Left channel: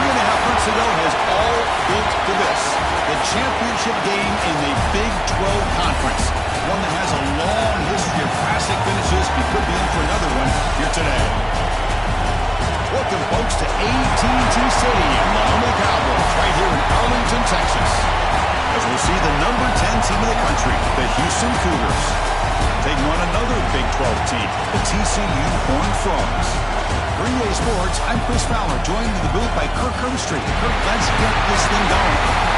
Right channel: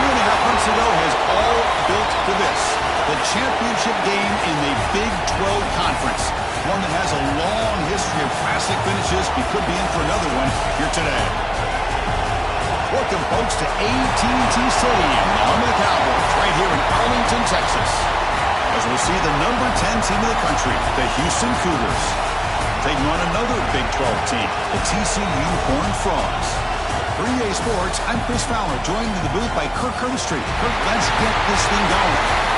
3.5 months ago has all built to this. The championship game in the Big 12 Conference. One that has a long history of classic finishes. We could be in for another one here today. Welcome, folks, to AT&T Stadium, the home of the Cowboys, right here in Arlington, Texas. As we'll see the number 10 team in the country, the Houston Cougars, taking on another Big 12 team, the TCU Horned Frogs. For EA Sports, I'm Chris Fowler, joined in the booth by Kirk Herbstreit. Kirk, let's get this thing going.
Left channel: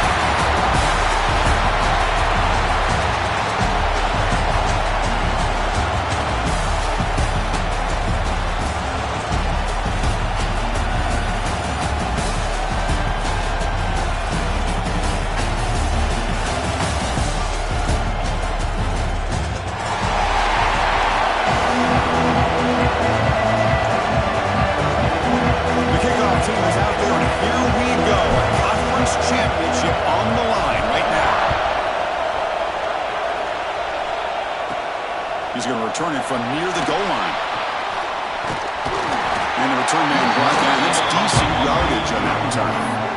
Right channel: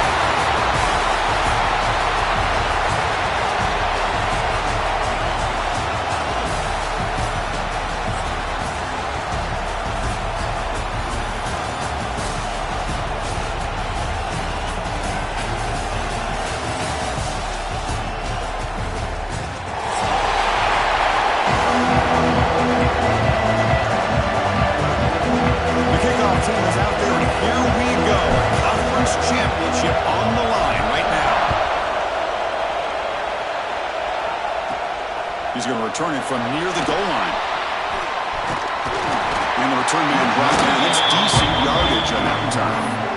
He's going to return it from near the goal line. And the return man brought down. That's decent yardage on that return.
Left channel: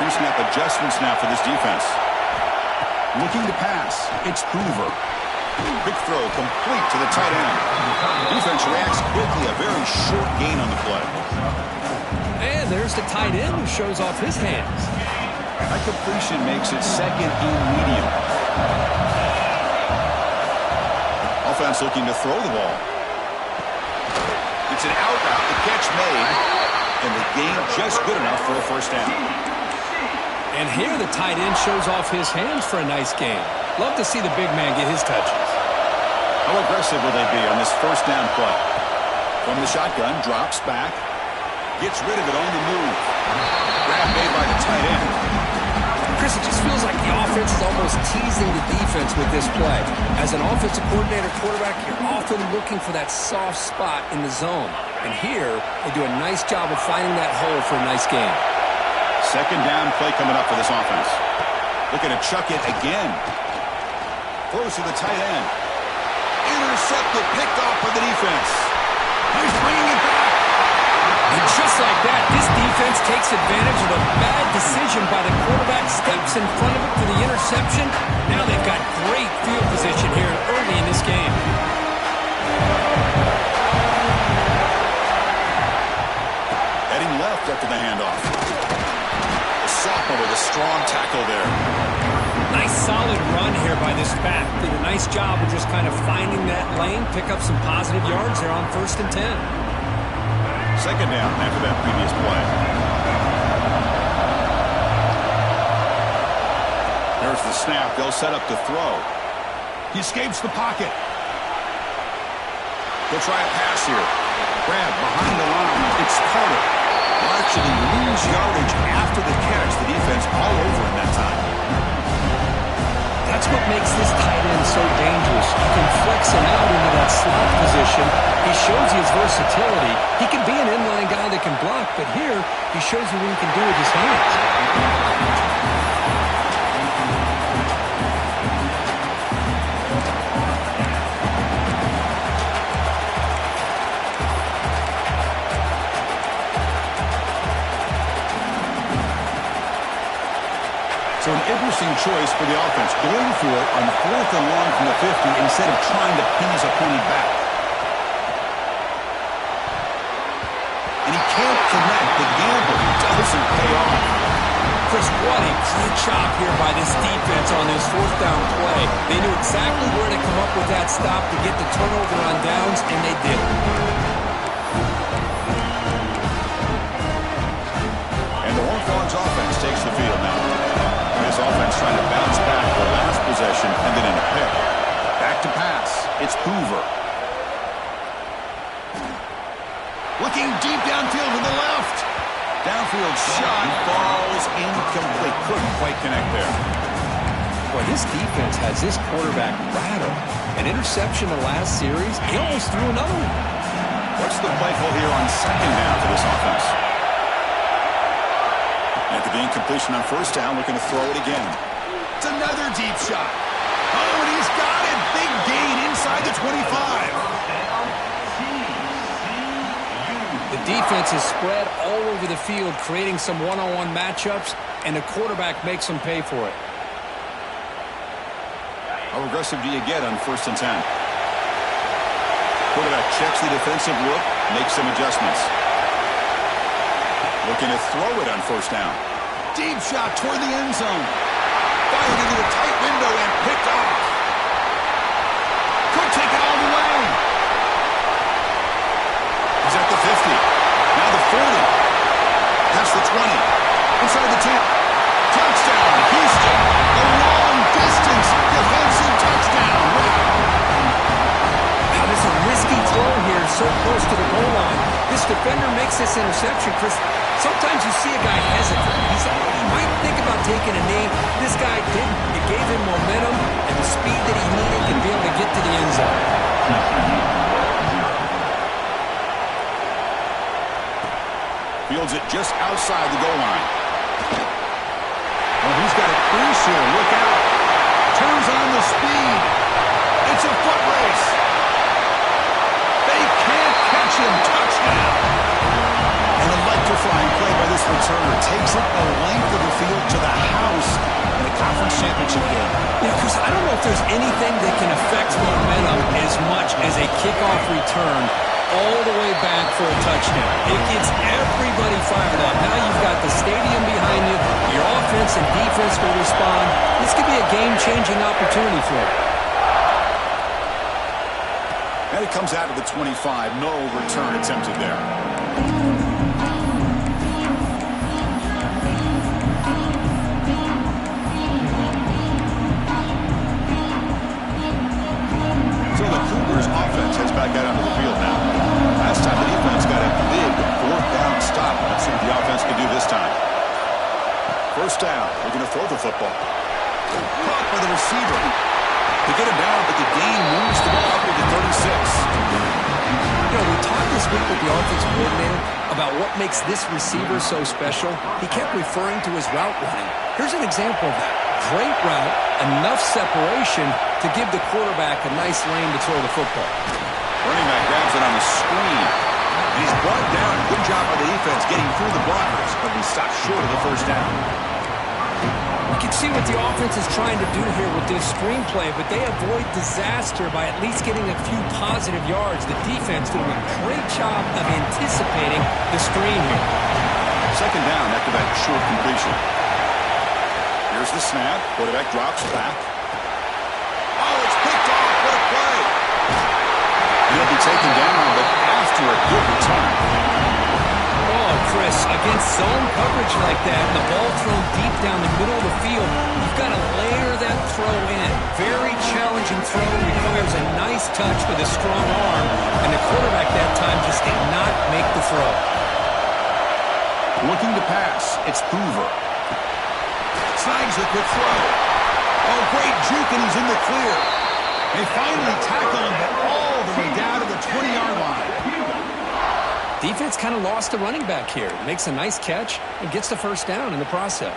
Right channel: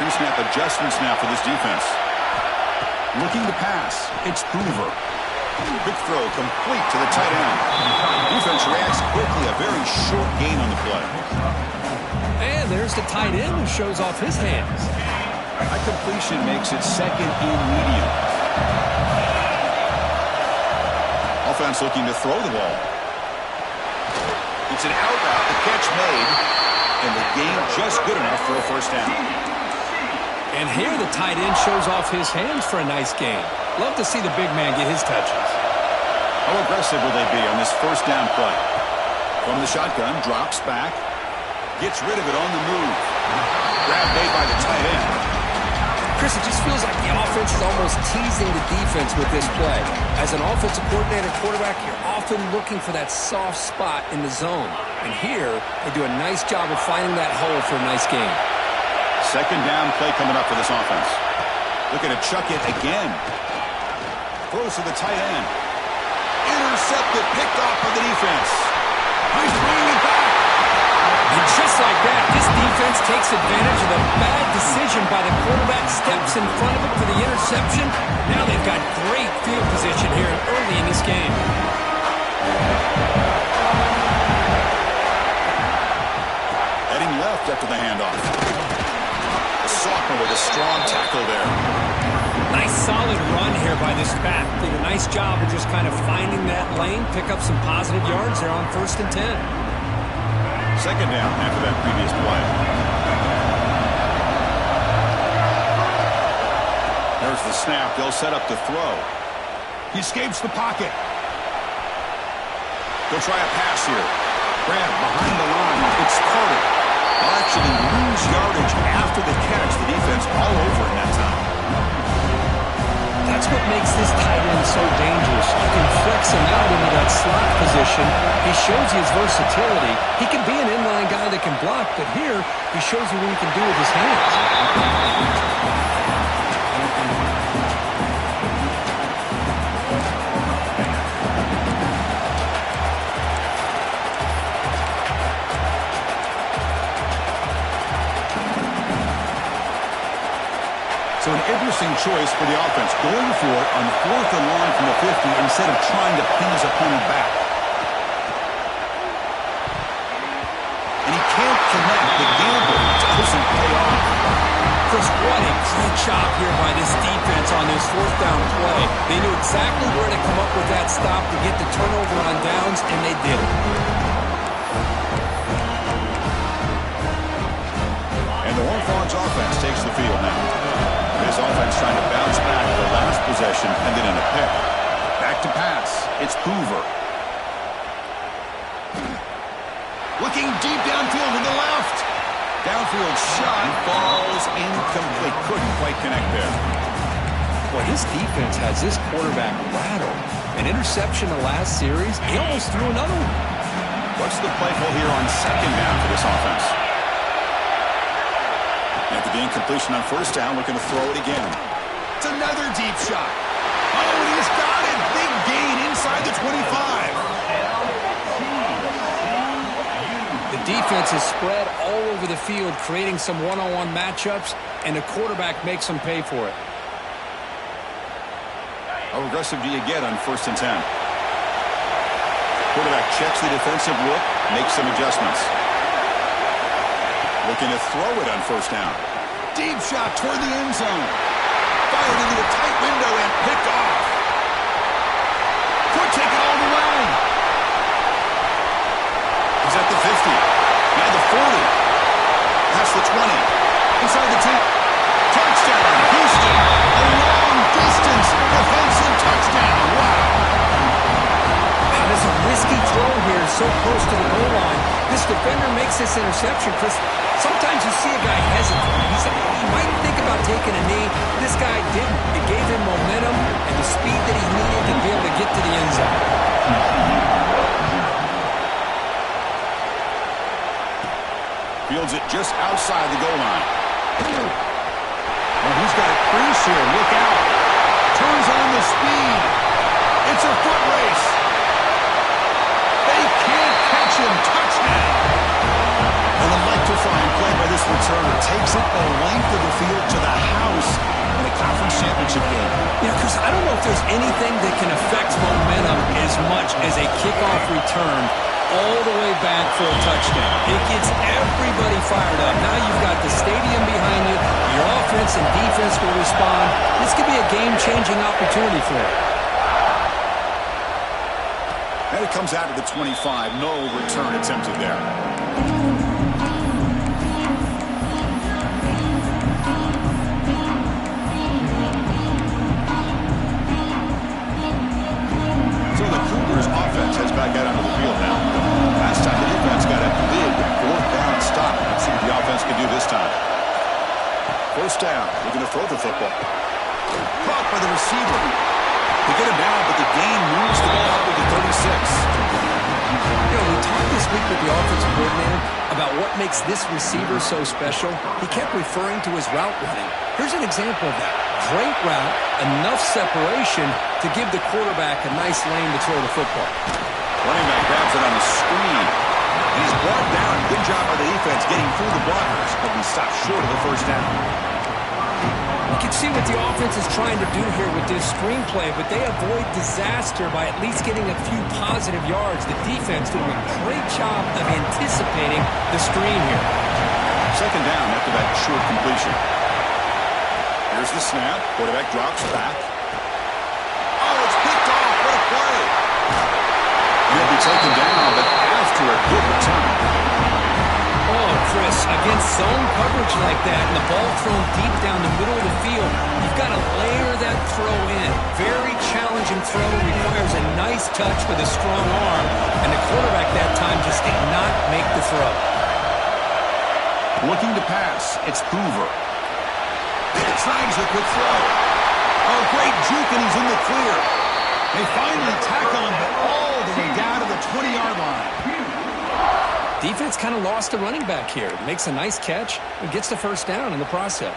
Pre-snap adjustments now for this defense. Looking to pass. It's Hoover. Quick throw complete to the tight end. Defense reacts quickly. A very short gain on the play. And there's the tight end who shows off his hands. That completion makes it second and medium. Offense looking to throw the ball. It's an out route. The catch made. And the gain just good enough for a first down. And here the tight end shows off his hands for a nice gain. Love to see the big man get his touches. How aggressive will they be on this first down play? From the shotgun, drops back. Gets rid of it on the move. Grab made by the tight end. Chris, it just feels like the offense is almost teasing the defense with this play. As an offensive coordinator quarterback, you're often looking for that soft spot in the zone. And here, they do a nice job of finding that hole for a nice gain. Second down play coming up for this offense. Looking to chuck it again. Throws to the tight end. Intercepted, picked off by the defense. He's bringing it back. And just like that, this defense takes advantage of a bad decision by the quarterback, steps in front of it for the interception. Now they've got great field position here early in this game. Heading left after the handoff. Sophomore with a strong tackle there. Nice solid run here by this back. Did a nice job of just kind of finding that lane, pick up some positive yards there on 1st and 10. Second down after that previous play. There's the snap. They'll set up to throw. He escapes the pocket. They'll try a pass here. Grab behind the line. It's Carter. Will actually lose yardage after the catch. The defense all over in that time. That's what makes this tight end so dangerous. You can flex him out into that slot position. He shows you his versatility. He can be an inline guy that can block, but here he shows you what he can do with his hands. So an interesting choice for the offense, going for it on 4th and long from the 50 instead of trying to pin his opponent back. And he can't connect. The gamble doesn't pay off. Chris, what a great job here by this defense on this 4th down play. They knew exactly where to come up with that stop to get the turnover on downs, and they did it. And the Horned Frogs offense takes the field now. This offense trying to bounce back the last possession, ended in a pick. Back to pass. It's Hoover. Looking deep downfield to the left. Downfield shot falls incomplete. Couldn't quite connect there. Boy, this defense has this quarterback rattled. An interception the last series, he almost threw another one. What's the play call here on second down for this offense? After the incompletion on first down, looking to throw it again. It's another deep shot. Oh, and he's got it. Big gain inside the 25. The defense is spread all over the field, creating some one-on-one matchups, and the quarterback makes them pay for it. How aggressive do you get on 1st and 10? Quarterback checks the defensive look, makes some adjustments. Looking to throw it on 1st down. Deep shot toward the end zone. Fired into a tight window and picked off. Could take it all the way. He's at the 50. Now the 40. Past the 20. Inside the 10. Touchdown, Houston. A long-distance defensive touchdown. Wow. Now, there's a risky throw here so close to the goal line. This defender makes this interception, Chris. Sometimes you see a guy hesitate. He might think about taking a knee. This guy didn't. It gave him momentum and the speed that he needed to be able to get to the end zone. Fields it just outside the goal line. Well, he's got a crease here. Look out. Turns on the speed. It's a foot race. They can't catch him. Touchdown. An electrifying play by this returner. Takes it the length of the field to the house in a conference championship game. Yeah, Chris, I don't know if there's anything that can affect momentum as much as a kickoff return all the way back for a touchdown. It gets everybody fired up. Now you've got the stadium behind you. Your offense and defense will respond. This could be a game-changing opportunity for you. And it comes out of the 25. No return attempted there. So the Cougars offense heads back out onto the field now. Last time the defense got a big 4th down stop. Let's see what the offense can do this time. 1st down. Looking to throw the football. Caught by the receiver. They get him down, but the gain moves the ball up to the 36. You know, we talked this week with the offensive coordinator about what makes this receiver so special. He kept referring to his route running. Here's an example of that. Great route, enough separation to give the quarterback a nice lane to throw the football. Running back grabs it on a screen. And he's brought down. Good job by the defense getting through the blockers, but we stopped short of the 1st down. You can see what the offense is trying to do here with this screenplay, but they avoid disaster by at least getting a few positive yards. The defense doing a great job of anticipating the screen here. 2nd down after that short completion. Here's the snap. Quarterback drops back. Oh, it's picked off. What a play. And he'll be taken down, but after a good return. Oh, Chris, against zone coverage like that and the ball thrown deep down the middle of the field, you've got to layer that throw in. Very challenging throw, requires a nice touch with a strong arm, and the quarterback that time just did not make the throw. Looking to pass, it's Hoover. Snags a quick throw. Oh, great juke, and he's in the clear. They finally tackle him, but all the way down to the 20-yard line. Defense kind of lost the running back here. Makes a nice catch and gets the 1st down in the process.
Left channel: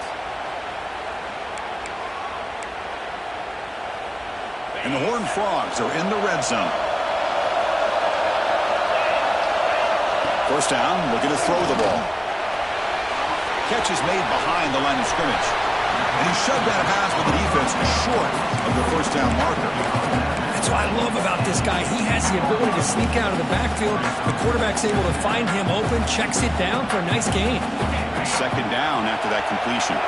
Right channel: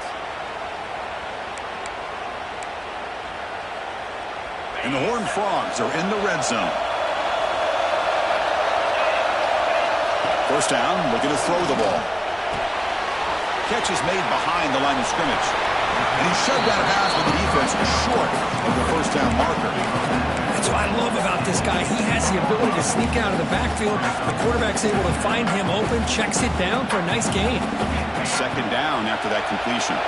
And the Horned Frogs are in the red zone. 1st down, looking to throw the ball. Catch is made behind the line of scrimmage. And he's shoved out of bounds with the defense short of the 1st down marker. That's what I love about this guy. He has the ability to sneak out of the backfield. The quarterback's able to find him open, checks it down for a nice gain. 2nd down after that completion.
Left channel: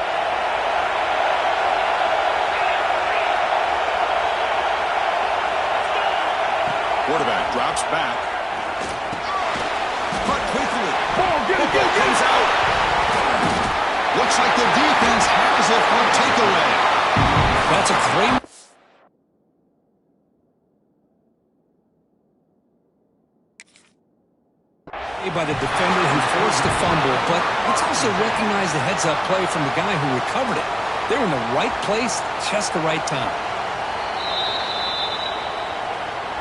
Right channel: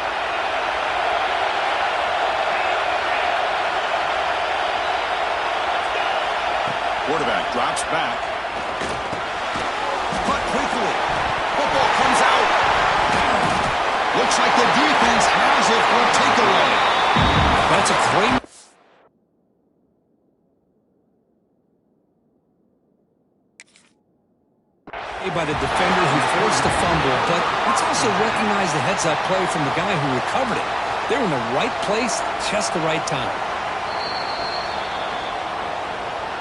Quarterback drops back. Cut quickly. Football comes out. Looks like the defense has it for a takeaway. That's a great... by the defender who forced the fumble, but let's also recognize the heads-up play from the guy who recovered it. They're in the right place, just the right time.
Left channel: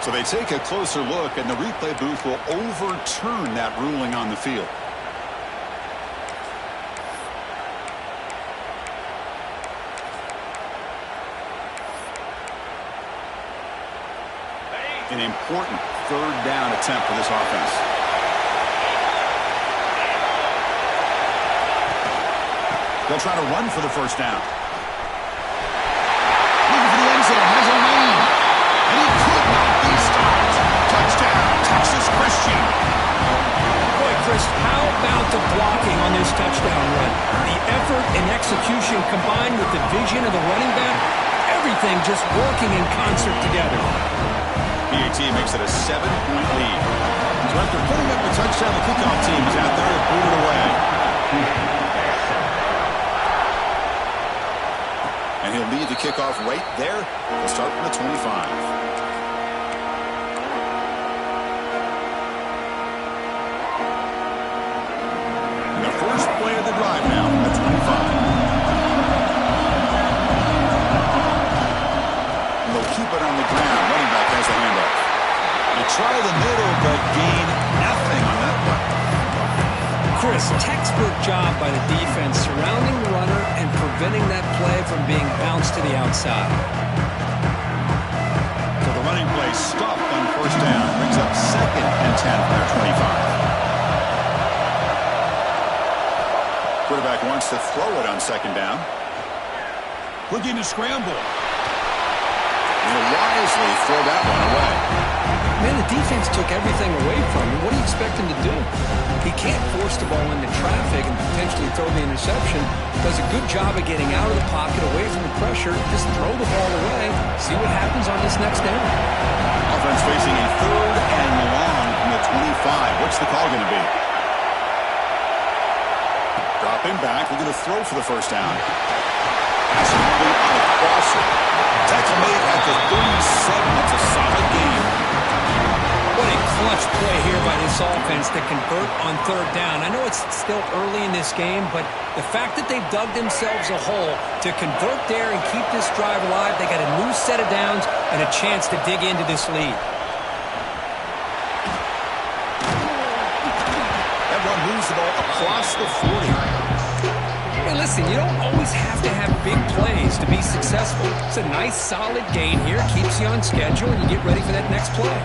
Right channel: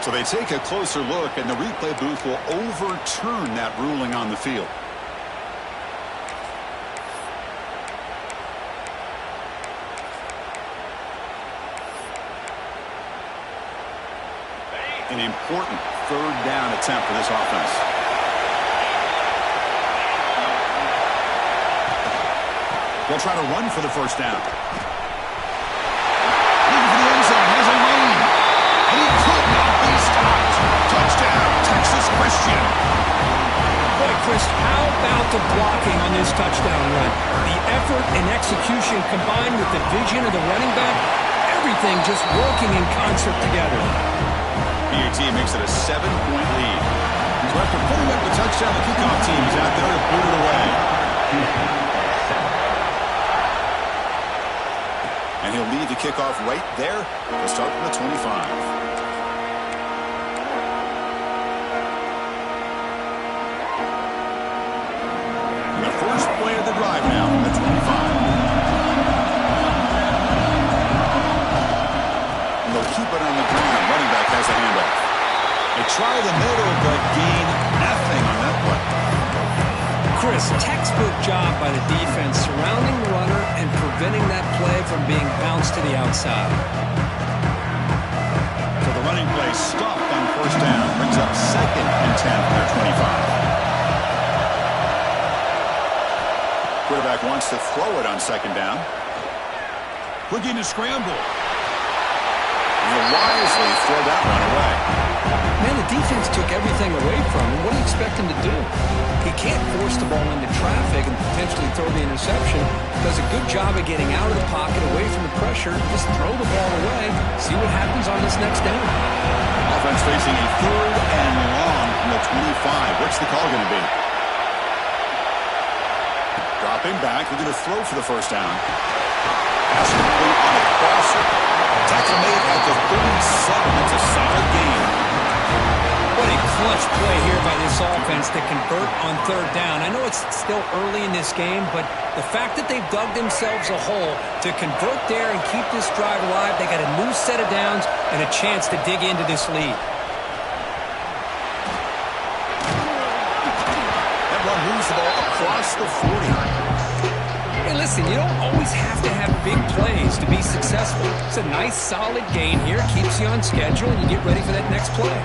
So they take a closer look, and the replay booth will overturn that ruling on the field. An important third down attempt for this offense. They'll try to run for the first down. Looking for the end zone, has a lane. And he could not be stopped. Touchdown, Texas Christian. Boy, Chris, how about the blocking on this touchdown run? The effort and execution combined with the vision of the running back, everything just working in concert together. PAT makes it a 7-point lead. So after putting up the touchdown, the kickoff team is out there to boot it away. And he'll lead the kickoff right there. They'll start from the 25. And the first play of the drive now from the 25. They'll keep it on the ground. Running back has the handoff. They try the middle, but gain nothing on that play. Chris, textbook job by the defense surrounding the runner and preventing that play from being bounced to the outside. So the running play stopped on first down. Brings up 2nd and 10 from their 25. Quarterback wants to throw it on 2nd down. Looking to scramble. He'll wisely throw that one away. Man, the defense took everything away from him. What do you expect him to do? He can't force the ball into traffic and potentially throw the interception. Does a good job of getting out of the pocket, away from the pressure. Just throw the ball away. See what happens on this next down. Offense facing a 3rd and long from the 25. What's the call going to be? Dropping back, looking to throw for the first down. Pass complete on a crosser. Tackle made at the 37. That's a solid game. What a clutch play here by this offense to convert on 3rd down. I know it's still early in this game, but the fact that they've dug themselves a hole to convert there and keep this drive alive, they got a new set of downs and a chance to dig into this lead. That run moves the ball across the 40. Hey, listen, you don't always have to have big plays to be successful. It's a nice, solid gain here. Keeps you on schedule, and you get ready for that next play.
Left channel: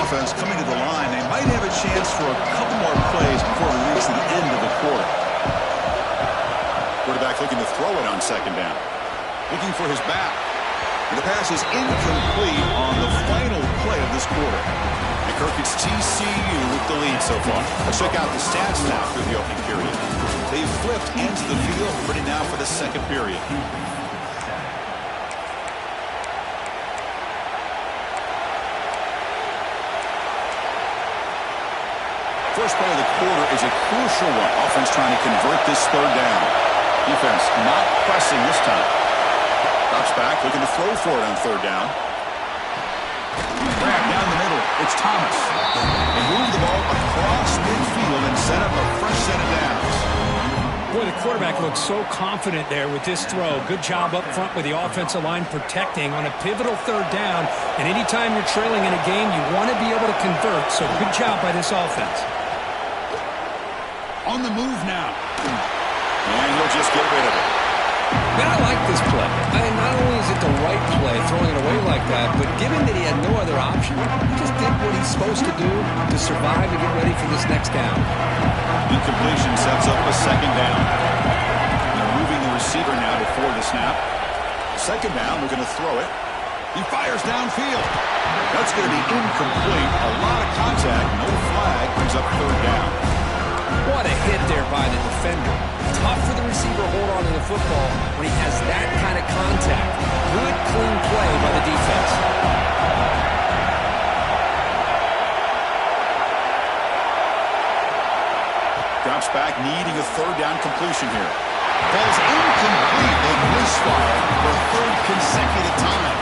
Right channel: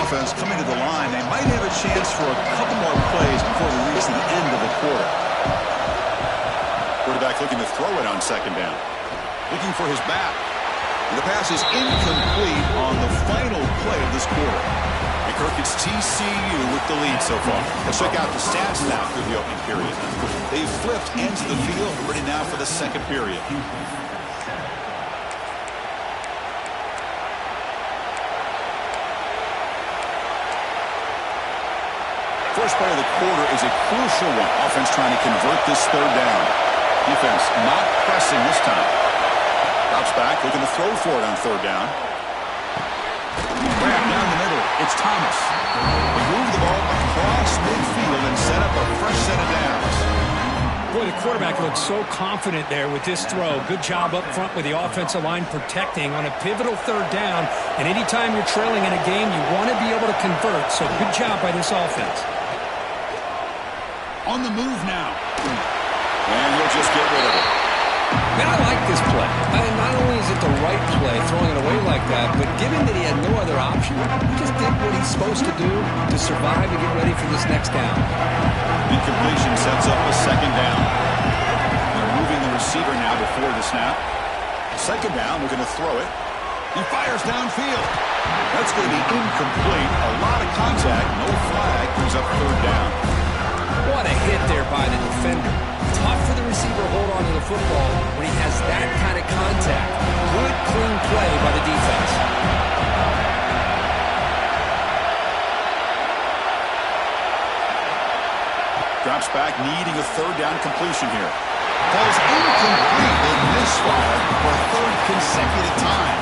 Offense coming to the line. They might have a chance for a couple more plays before we reach the end of the quarter. Quarterback looking to throw it on 2nd down. Looking for his back. And the pass is incomplete on the final play of this quarter. And Kirk, it's TCU with the lead so far. Let's check out the stats now through the opening period. They've flipped ends of the field, ready now for the 2nd period. First play of the quarter is a crucial one. Offense trying to convert this 3rd down. Defense not pressing this time. Drops back, looking to throw for it on 3rd down. Grab down the middle. It's Thomas. They move the ball across midfield and set up a fresh set of downs. Boy, the quarterback looks so confident there with this throw. Good job up front with the offensive line protecting on a pivotal 3rd down. And anytime you're trailing in a game, you want to be able to convert. So good job by this offense. On the move now. And he'll just get rid of it. Man, I like this play. Not only is it the right play, throwing it away like that, but given that he had no other option, he just did what he's supposed to do to survive and get ready for this next down. Incompletion sets up a 2nd down. They're moving the receiver now before the snap. 2nd down, looking to throw it. He fires downfield. That's going to be incomplete. A lot of contact, no flag, brings up 3rd down. What a hit there by the defender. Tough for the receiver to hold on to the football when he has that kind of contact. Good, clean play by the defense. Drops back, needing a 3rd down completion here. Falls incomplete. They misfire for a 3rd consecutive time.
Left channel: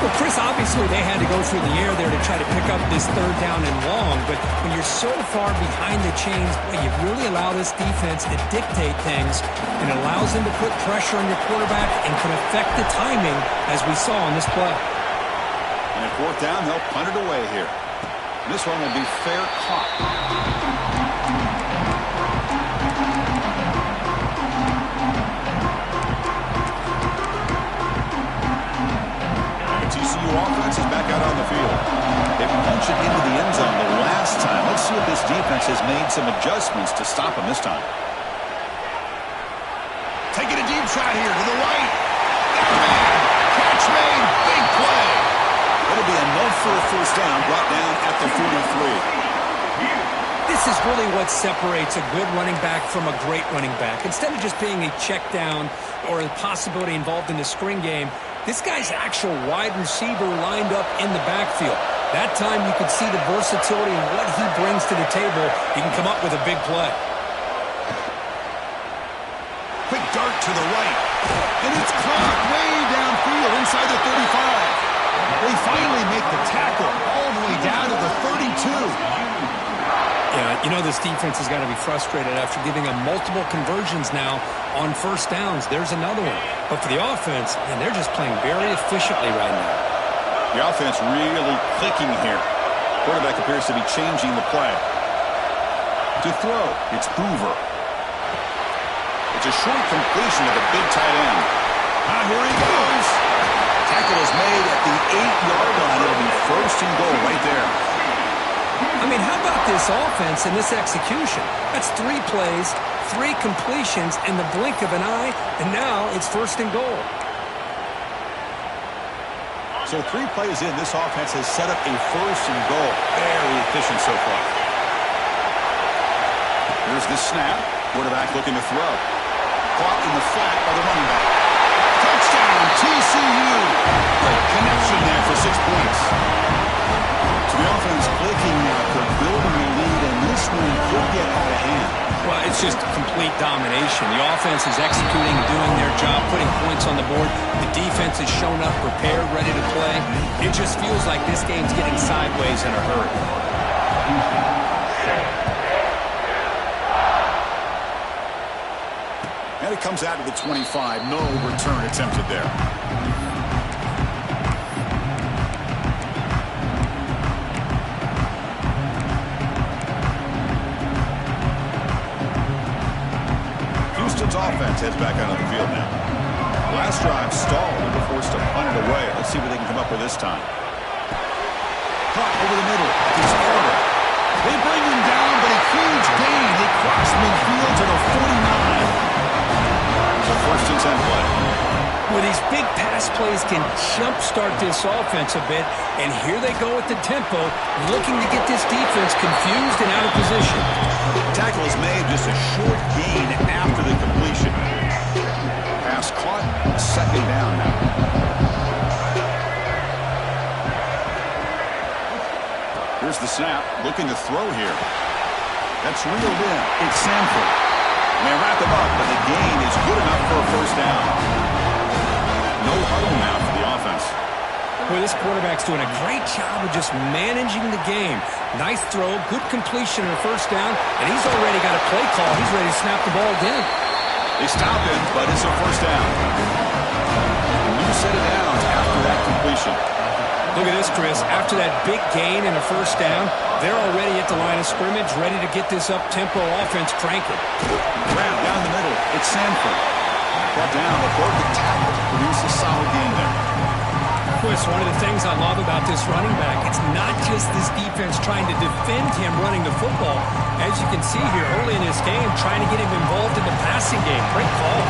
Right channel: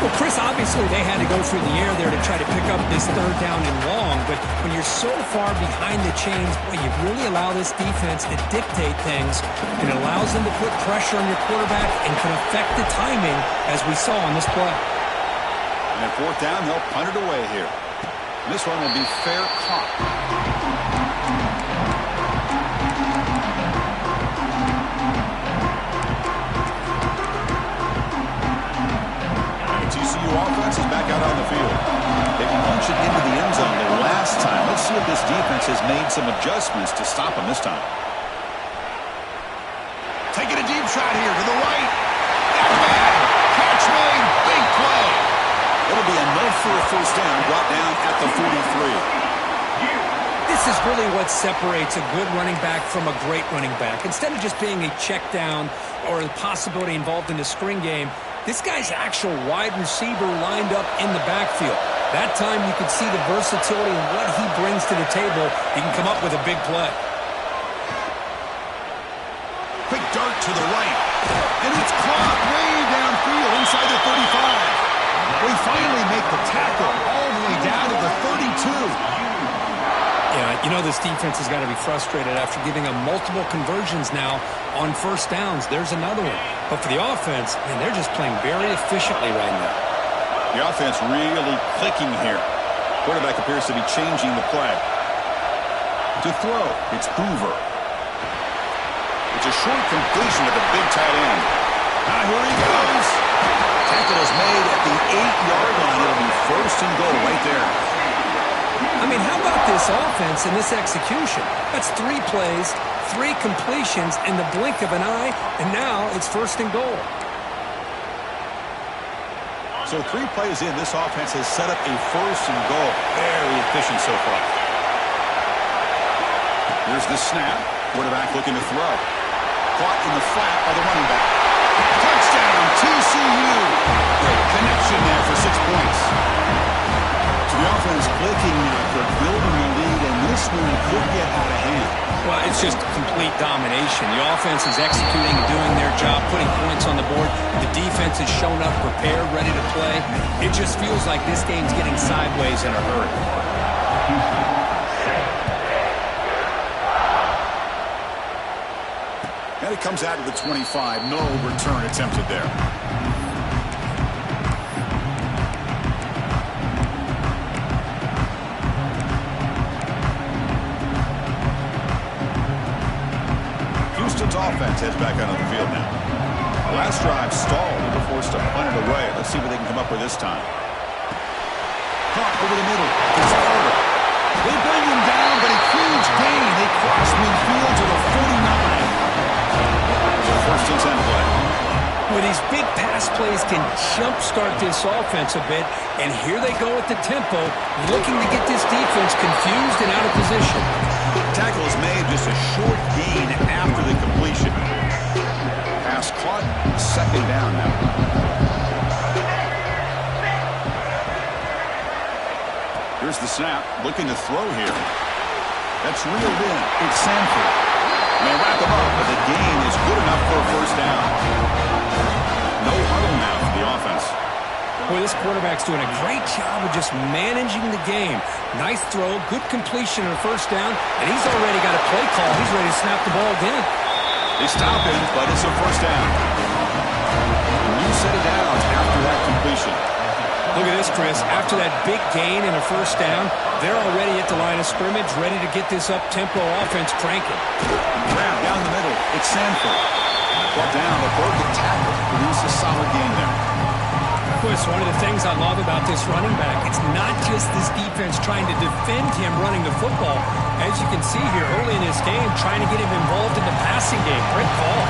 Well, Chris, obviously they had to go through the air there to try to pick up this third down and long, but when you're so far behind the chains, boy, you really allow this defense to dictate things, and it allows them to put pressure on your quarterback and can affect the timing, as we saw on this play. And at fourth down, they'll punt it away here. And this one will be fair caught. TCU offense is back out on the field. They punched it into the end zone the last time. Let's see if this defense has made some adjustments to stop them this time. Taking a deep shot here to the right. That's man. Catch made. Big play. It'll be enough for a first down, brought down at the 43. This is really what separates a good running back from a great running back. Instead of just being a check down or a possibility involved in the screen game, this guy's actual wide receiver lined up in the backfield. That time you can see the versatility and what he brings to the table. He can come up with a big play. Quick dart to the right. And it's caught way downfield inside the 35. They finally make the tackle all the way down to the 32. Yeah, you know this defense has got to be frustrated after giving them multiple conversions now on first downs. There's another one. But for the offense, man, they're just playing very efficiently right now. The offense really clicking here. Quarterback appears to be changing the play. To throw, it's Hoover. It's a short completion to the big tight end. Now here he goes. Tackle is made at the 8-yard line. It'll be first and goal right there. I mean, how about this offense and this execution? That's 3 plays, 3 completions in the blink of an eye, and now it's first and goal. So 3 plays in, this offense has set up a first and goal. Very efficient so far. Here's the snap. Quarterback looking to throw. Caught in the flat by the running back. Touchdown, TCU. Great connection there for 6 points. So the offense clicking now, Kirk, building the lead, and this one could get out of hand. Well, it's just complete domination. The offense is executing and doing their job, putting points on the board. The defense has shown up, prepared, ready to play. It just feels like this game's getting sideways in a hurry. And it comes out to the 25. No return attempted there. Houston's offense heads back out on the field now. Last drive stalled. They were forced to punt it away. Let's see what they can come up with this time. Caught over the middle. It's Carter. They bring him down, but a huge gain. They cross midfield to the 49. So first and 10 play. Well, these big pass plays can jumpstart this offense a bit, and here they go at the tempo, looking to get this defense confused and out of position. Tackle is made, just a short gain after the completion. Pass caught, second down now. Here's the snap, looking to throw here. That's reeled in. It's Sanford. May wrap him up, but the gain is good enough for a first down. No huddle now for the offense. Boy, this quarterback's doing a great job of just managing the game. Nice throw, good completion on a first down, and he's already got a play call. He's ready to snap the ball again. They stop him, but it's a first down. A new set of downs after that completion. Look at this, Chris. After that big gain and a first down, they're already at the line of scrimmage, ready to get this up-tempo offense cranking. Grab down the middle. It's Sanford. Brought down, a broken tackle to produce a solid gain there. Chris, one of the things I love about this running back, it's not just this defense trying to defend him running the football. As you can see here early in this game, trying to get him involved in the passing game. Great call.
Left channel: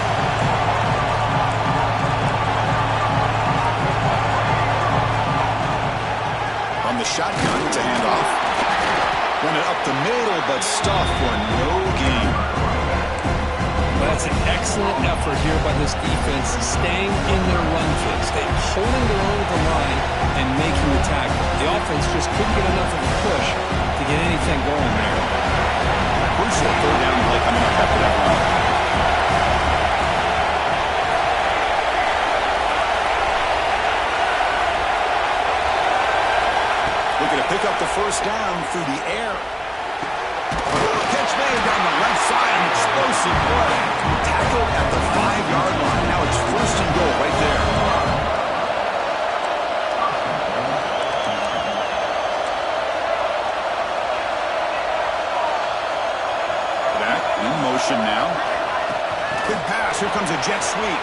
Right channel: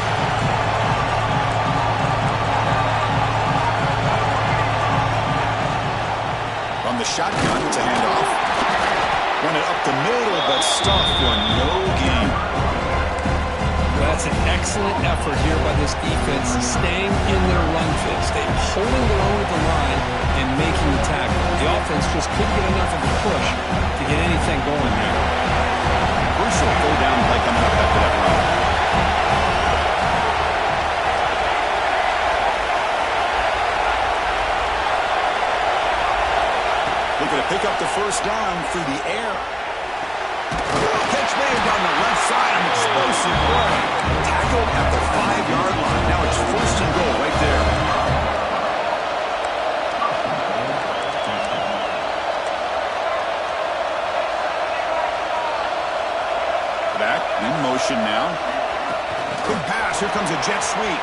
From the shotgun, it's a handoff. Run it up the middle, but stuffed for no gain. Well, that's an excellent effort here by this defense, staying in their run fits. They're holding their own at the line and making the tackle. The offense just couldn't get enough of a push to get anything going there. Crucial third down play coming up after that run. looking to pick up the first down through the air. Catch made down the left side, an explosive play. Tackled at the 5-yard line. Now it's first and goal right there. Back in motion now. Quick pass. Here comes a jet sweep.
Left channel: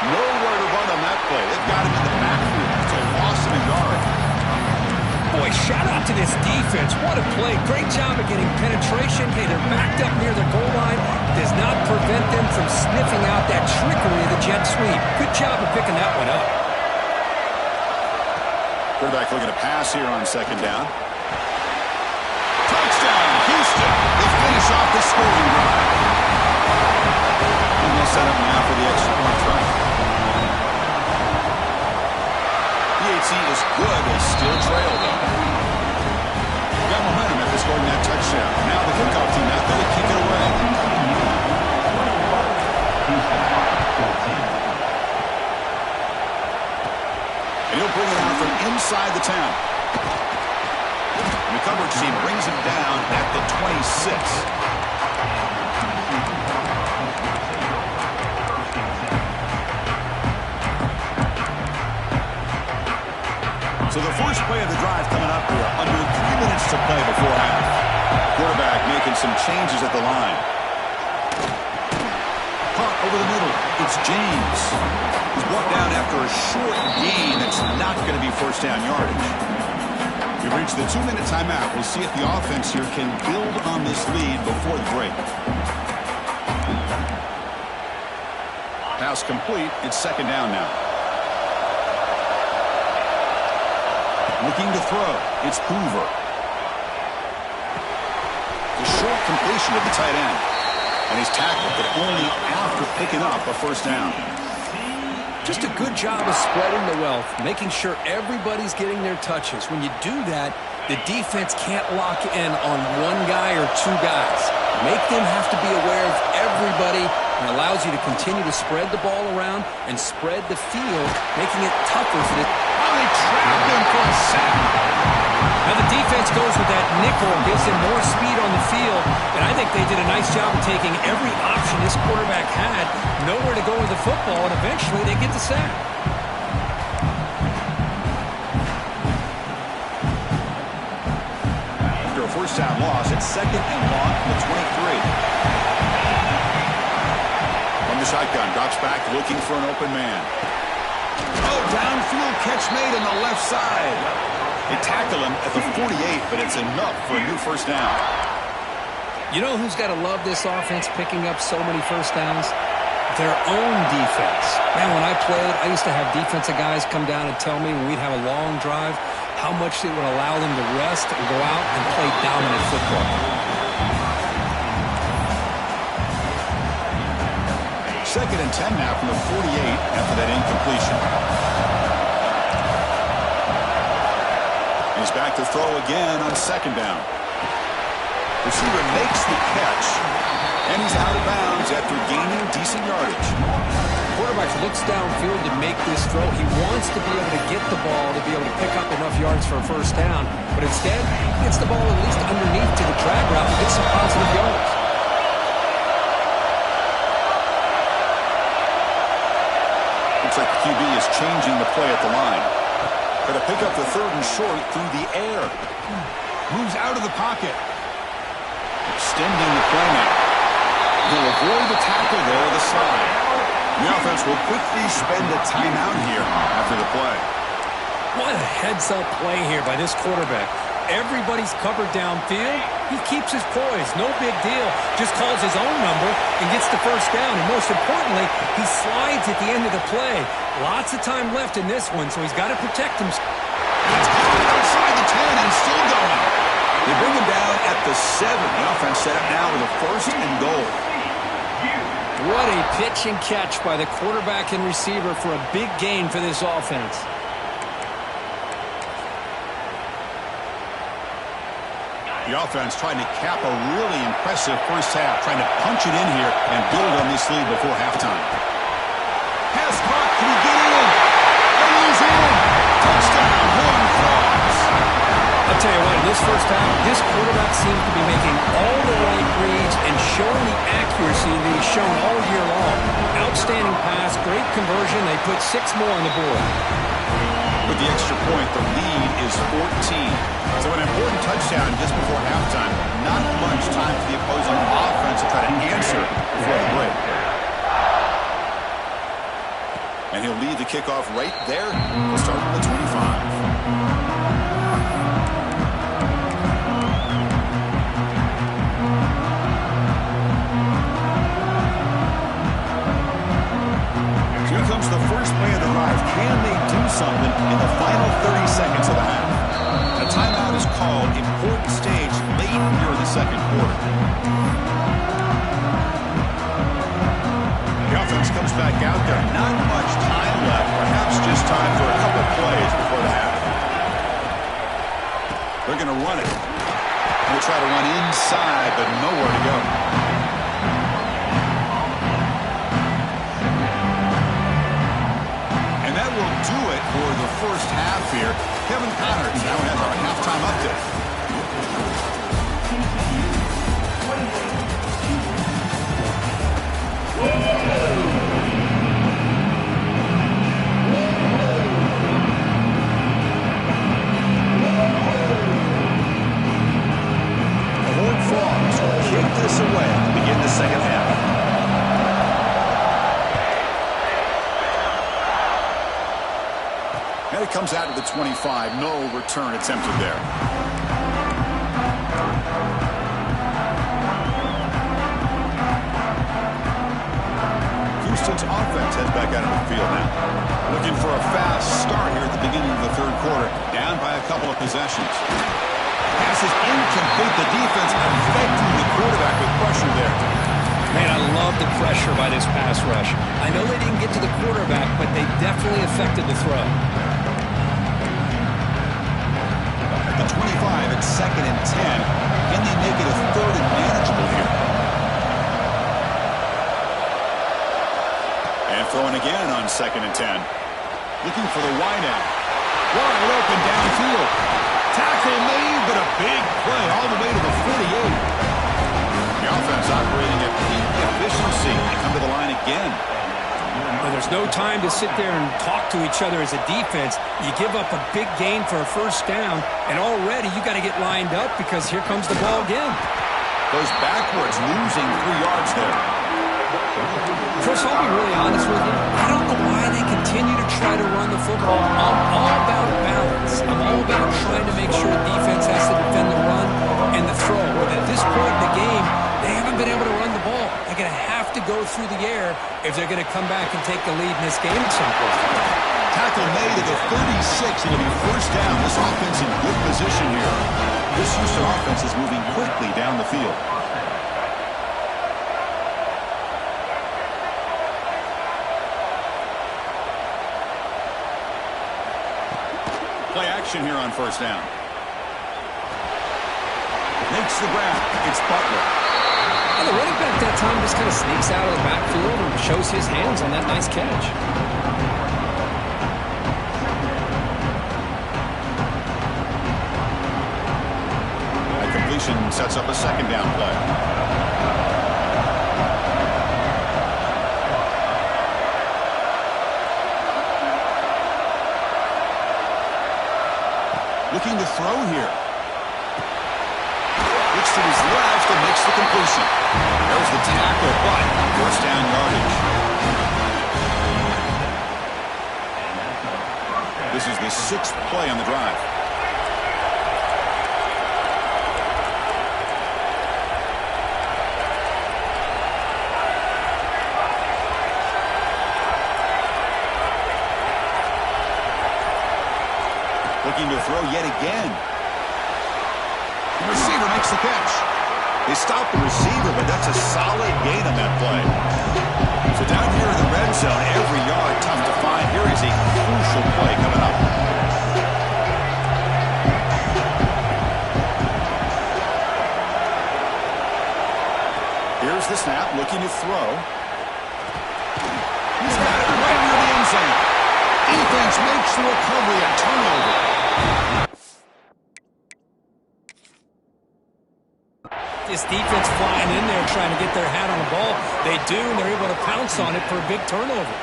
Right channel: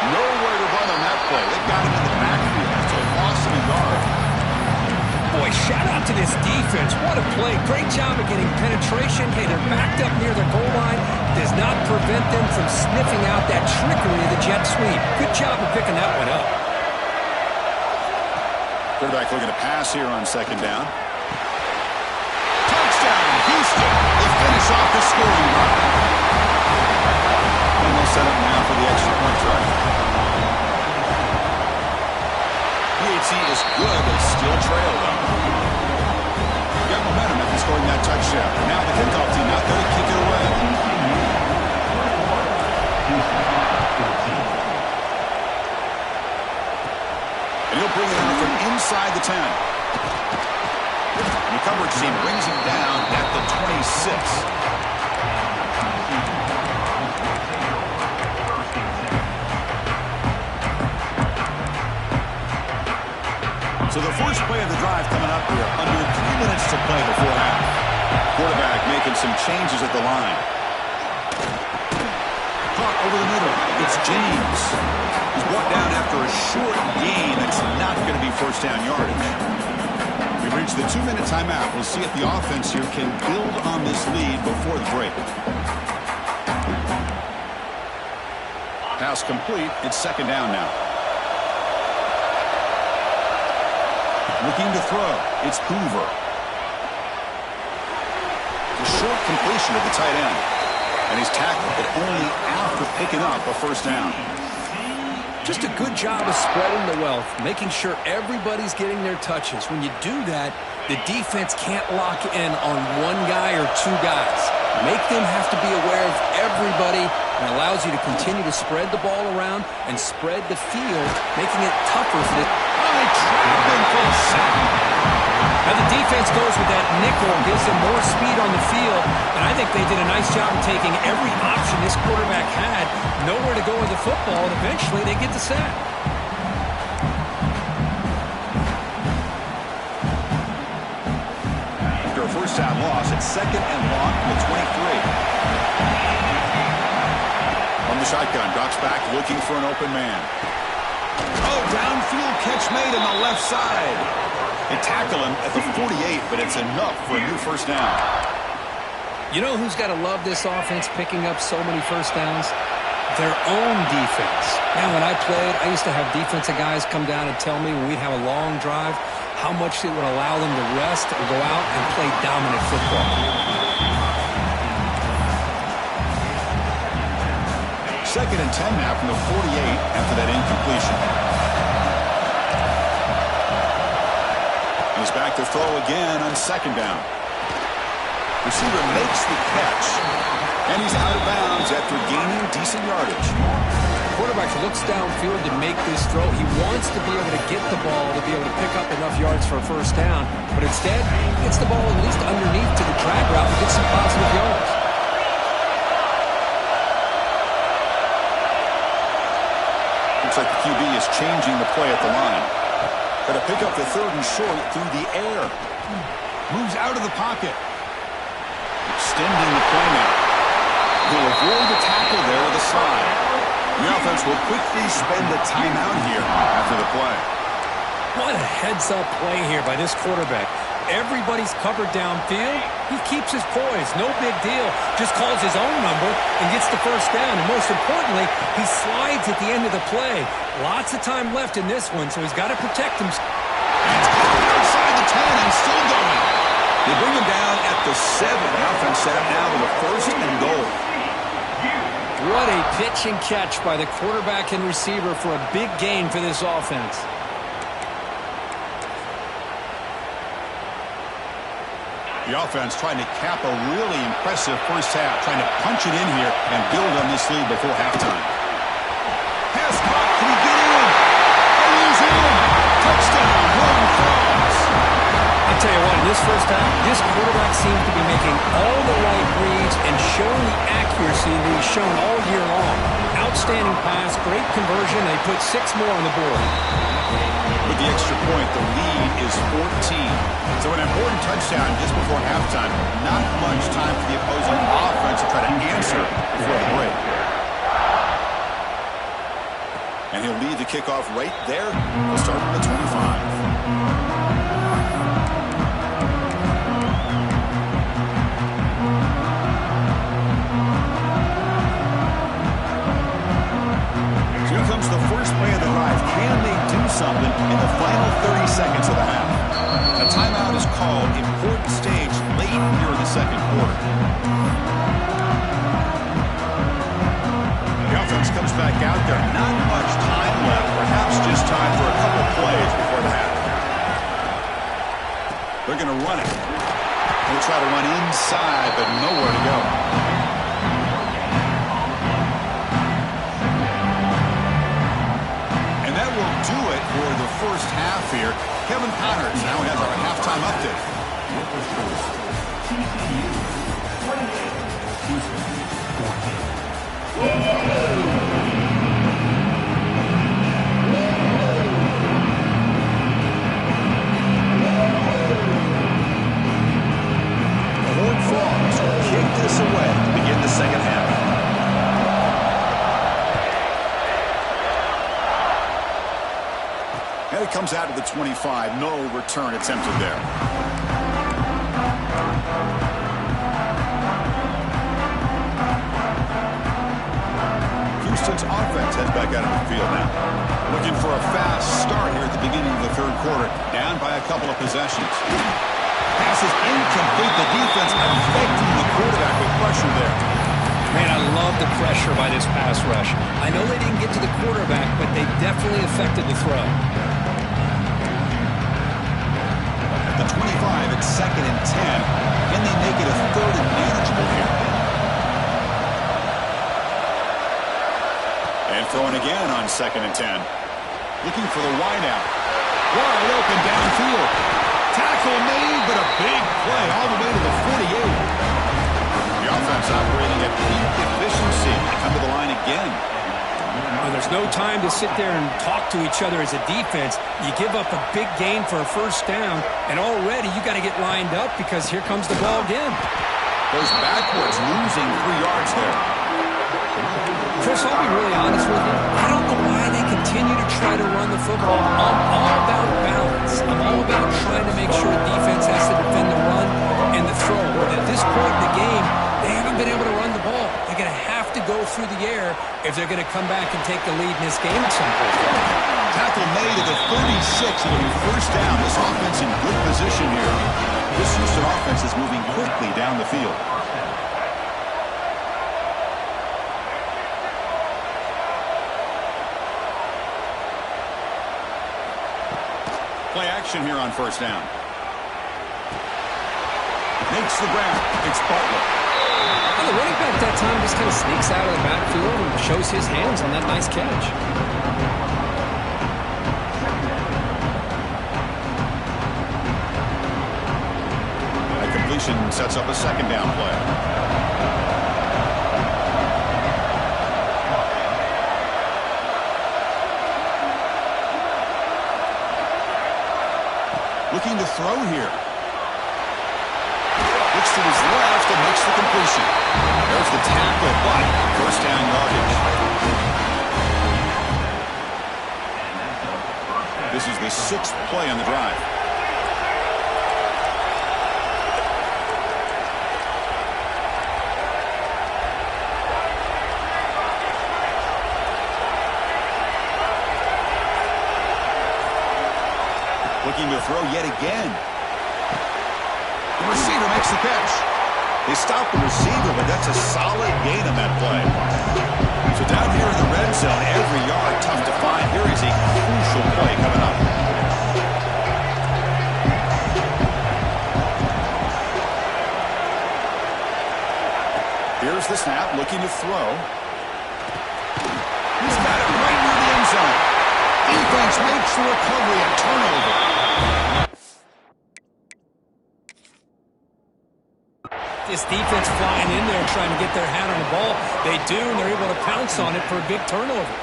Nowhere to run on that play. It got him in the backfield. That's a loss of a yard. Boy, shout out to this defense. What a play. Great job of getting penetration. Hey, they're backed up near the goal line. Does not prevent them from sniffing out that trickery of the jet sweep. Good job of picking that one up. Quarterback looking to pass here on second down. Touchdown, Houston. They finish off the scoring drive. And they'll set up now for the extra point try. PAT is good. They still trail, though. Got momentum after scoring that touchdown. Now the kickoff team out there to kick it away. And he'll bring it out from inside the 10. And the coverage team brings him down at the 26. So the first play of the drive coming up here. Under 3 minutes to play before half. Quarterback making some changes at the line. Caught over the middle. It's James. He's brought down after a short gain that's not going to be first down yardage. We've reached the 2-minute timeout. We'll see if the offense here can build on this lead before the break. Pass complete. It's second down now. Looking to throw. It's Hoover. The short completion of the tight end. And he's tackled, but only after picking up a first down. Just a good job of spreading the wealth, making sure everybody's getting their touches. When you do that, the defense can't lock in on one guy or two guys. Make them have to be aware of everybody, and allows you to continue to spread the ball around and spread the field, making it tougher for the... Oh, they trap him for a sack. Now the defense goes with that nickel, gives them more speed on the field, and I think they did a nice job of taking every option this quarterback had, nowhere to go with the football, and eventually they get the sack. After a first down loss, it's second and long from the 23. From the shotgun, drops back looking for an open man. Oh, downfield catch made on the left side. They tackle him at the 48, but it's enough for a new first down. You know who's got to love this offense picking up so many first downs? Their own defense. Man, when I played, I used to have defensive guys come down and tell me when we'd have a long drive how much it would allow them to rest and go out and play dominant football. Second and 10 now from the 48 after that incompletion. He's back to throw again on second down. Receiver makes the catch, and he's out of bounds after gaining decent yardage. Quarterback looks downfield to make this throw. He wants to be able to get the ball to be able to pick up enough yards for a first down, but instead, he gets the ball at least underneath to the drag route and gets some positive yards. Looks like the QB is changing the play at the line. Got to pick up the third and short through the air. Moves out of the pocket. Extending the play now. He'll avoid the tackle there with a slide. The offense will quickly spend a timeout here after the play. What a heads-up play here by this quarterback. Everybody's covered downfield. He keeps his poise. No big deal. Just calls his own number and gets the first down. And most importantly, he slides at the end of the play. Lots of time left in this one, so he's got to protect himself. And it's caught outside the 10 and still going. They bring him down at the 7. The offense set up now with a first and goal. What a pitch and catch by the quarterback and receiver for a big gain for this offense. The offense trying to cap a really impressive first half, trying to punch it in here and build on this lead before halftime. Pass caught. Can he get in? And he's in. Touchdown, tell you what, in this first half, this quarterback seems to be making all the right reads and showing the accuracy that he's shown all year long. Outstanding pass, great conversion. They put 6 more on the board. With the extra point, the lead is 14. So an important touchdown just before halftime. Not much time for the opposing offense to try to answer before the break. And he'll lead the kickoff right there. We'll start from the 25. Here comes the first play of the drive. Can they do something in the final 30 seconds of the half? A timeout is called. Important stage late here in the second quarter. The offense comes back out there. Not much time left. Perhaps just time for a couple plays before the half. They're going to run it. They'll try to run inside, but nowhere to go. And that will do it for the first half here. Kevin Connors now has our halftime update. TCU 28, TCU 14. The Horned Frogs will kick this away to begin the second half. And it comes out to the 25. No return attempted there. Houston's offense heads back out of the field now. Looking for a fast start here at the beginning of the third quarter. Down by a couple of possessions. Pass is incomplete. The defense affecting the quarterback with pressure there. Man, I love the pressure by this pass rush. I know they didn't get to the quarterback, but they definitely affected the throw. At the 25, it's 2nd and 10. Can they make it a 3rd and manageable here? And throwing again on 2nd and 10. Looking for the wideout. Wide open downfield. Tackle made, but a big play all the way to the 48. The offense operating at peak efficiency. They come to the line again. Well, there's no time to sit there and talk to each other as a defense. You give up a big gain for a first down, and already you got to get lined up because here comes the ball again. Goes backwards, losing 3 yards there. Chris, I'll be really honest with you. I don't know why they continue to try to run the football. I'm all about balance. I'm all about trying to make sure defense has to defend the run and the throw. But at this point in the game, they haven't been able to run the ball. They're going to have to go through the air if they're going to come back and take the lead in this game at some point. Tackle made at the 36. It'll be first down. This offense in good position here. This Houston offense is moving quickly down the field. Play action here on first down. Makes the grab. It's Butler. Well, the running back that time just kind of sneaks out of the backfield and shows his hands on that nice catch. That completion sets up a 2nd down play. Looking to throw here. Looks to his left and makes the completion. There's the tackle, but first down yardage. This is the 6th play on the drive. Looking to throw yet again. The receiver makes the catch. They stop the receiver, but that's a solid gain on that play. So down here in the red zone, every yard tough to find. Here is a crucial play coming up. Here's the snap, looking to throw. He's got it right near the end zone. Defense makes the recovery, a turnover. This defense flying in there trying to get their hat on the ball. They do, and they're able to pounce on it for a big turnover.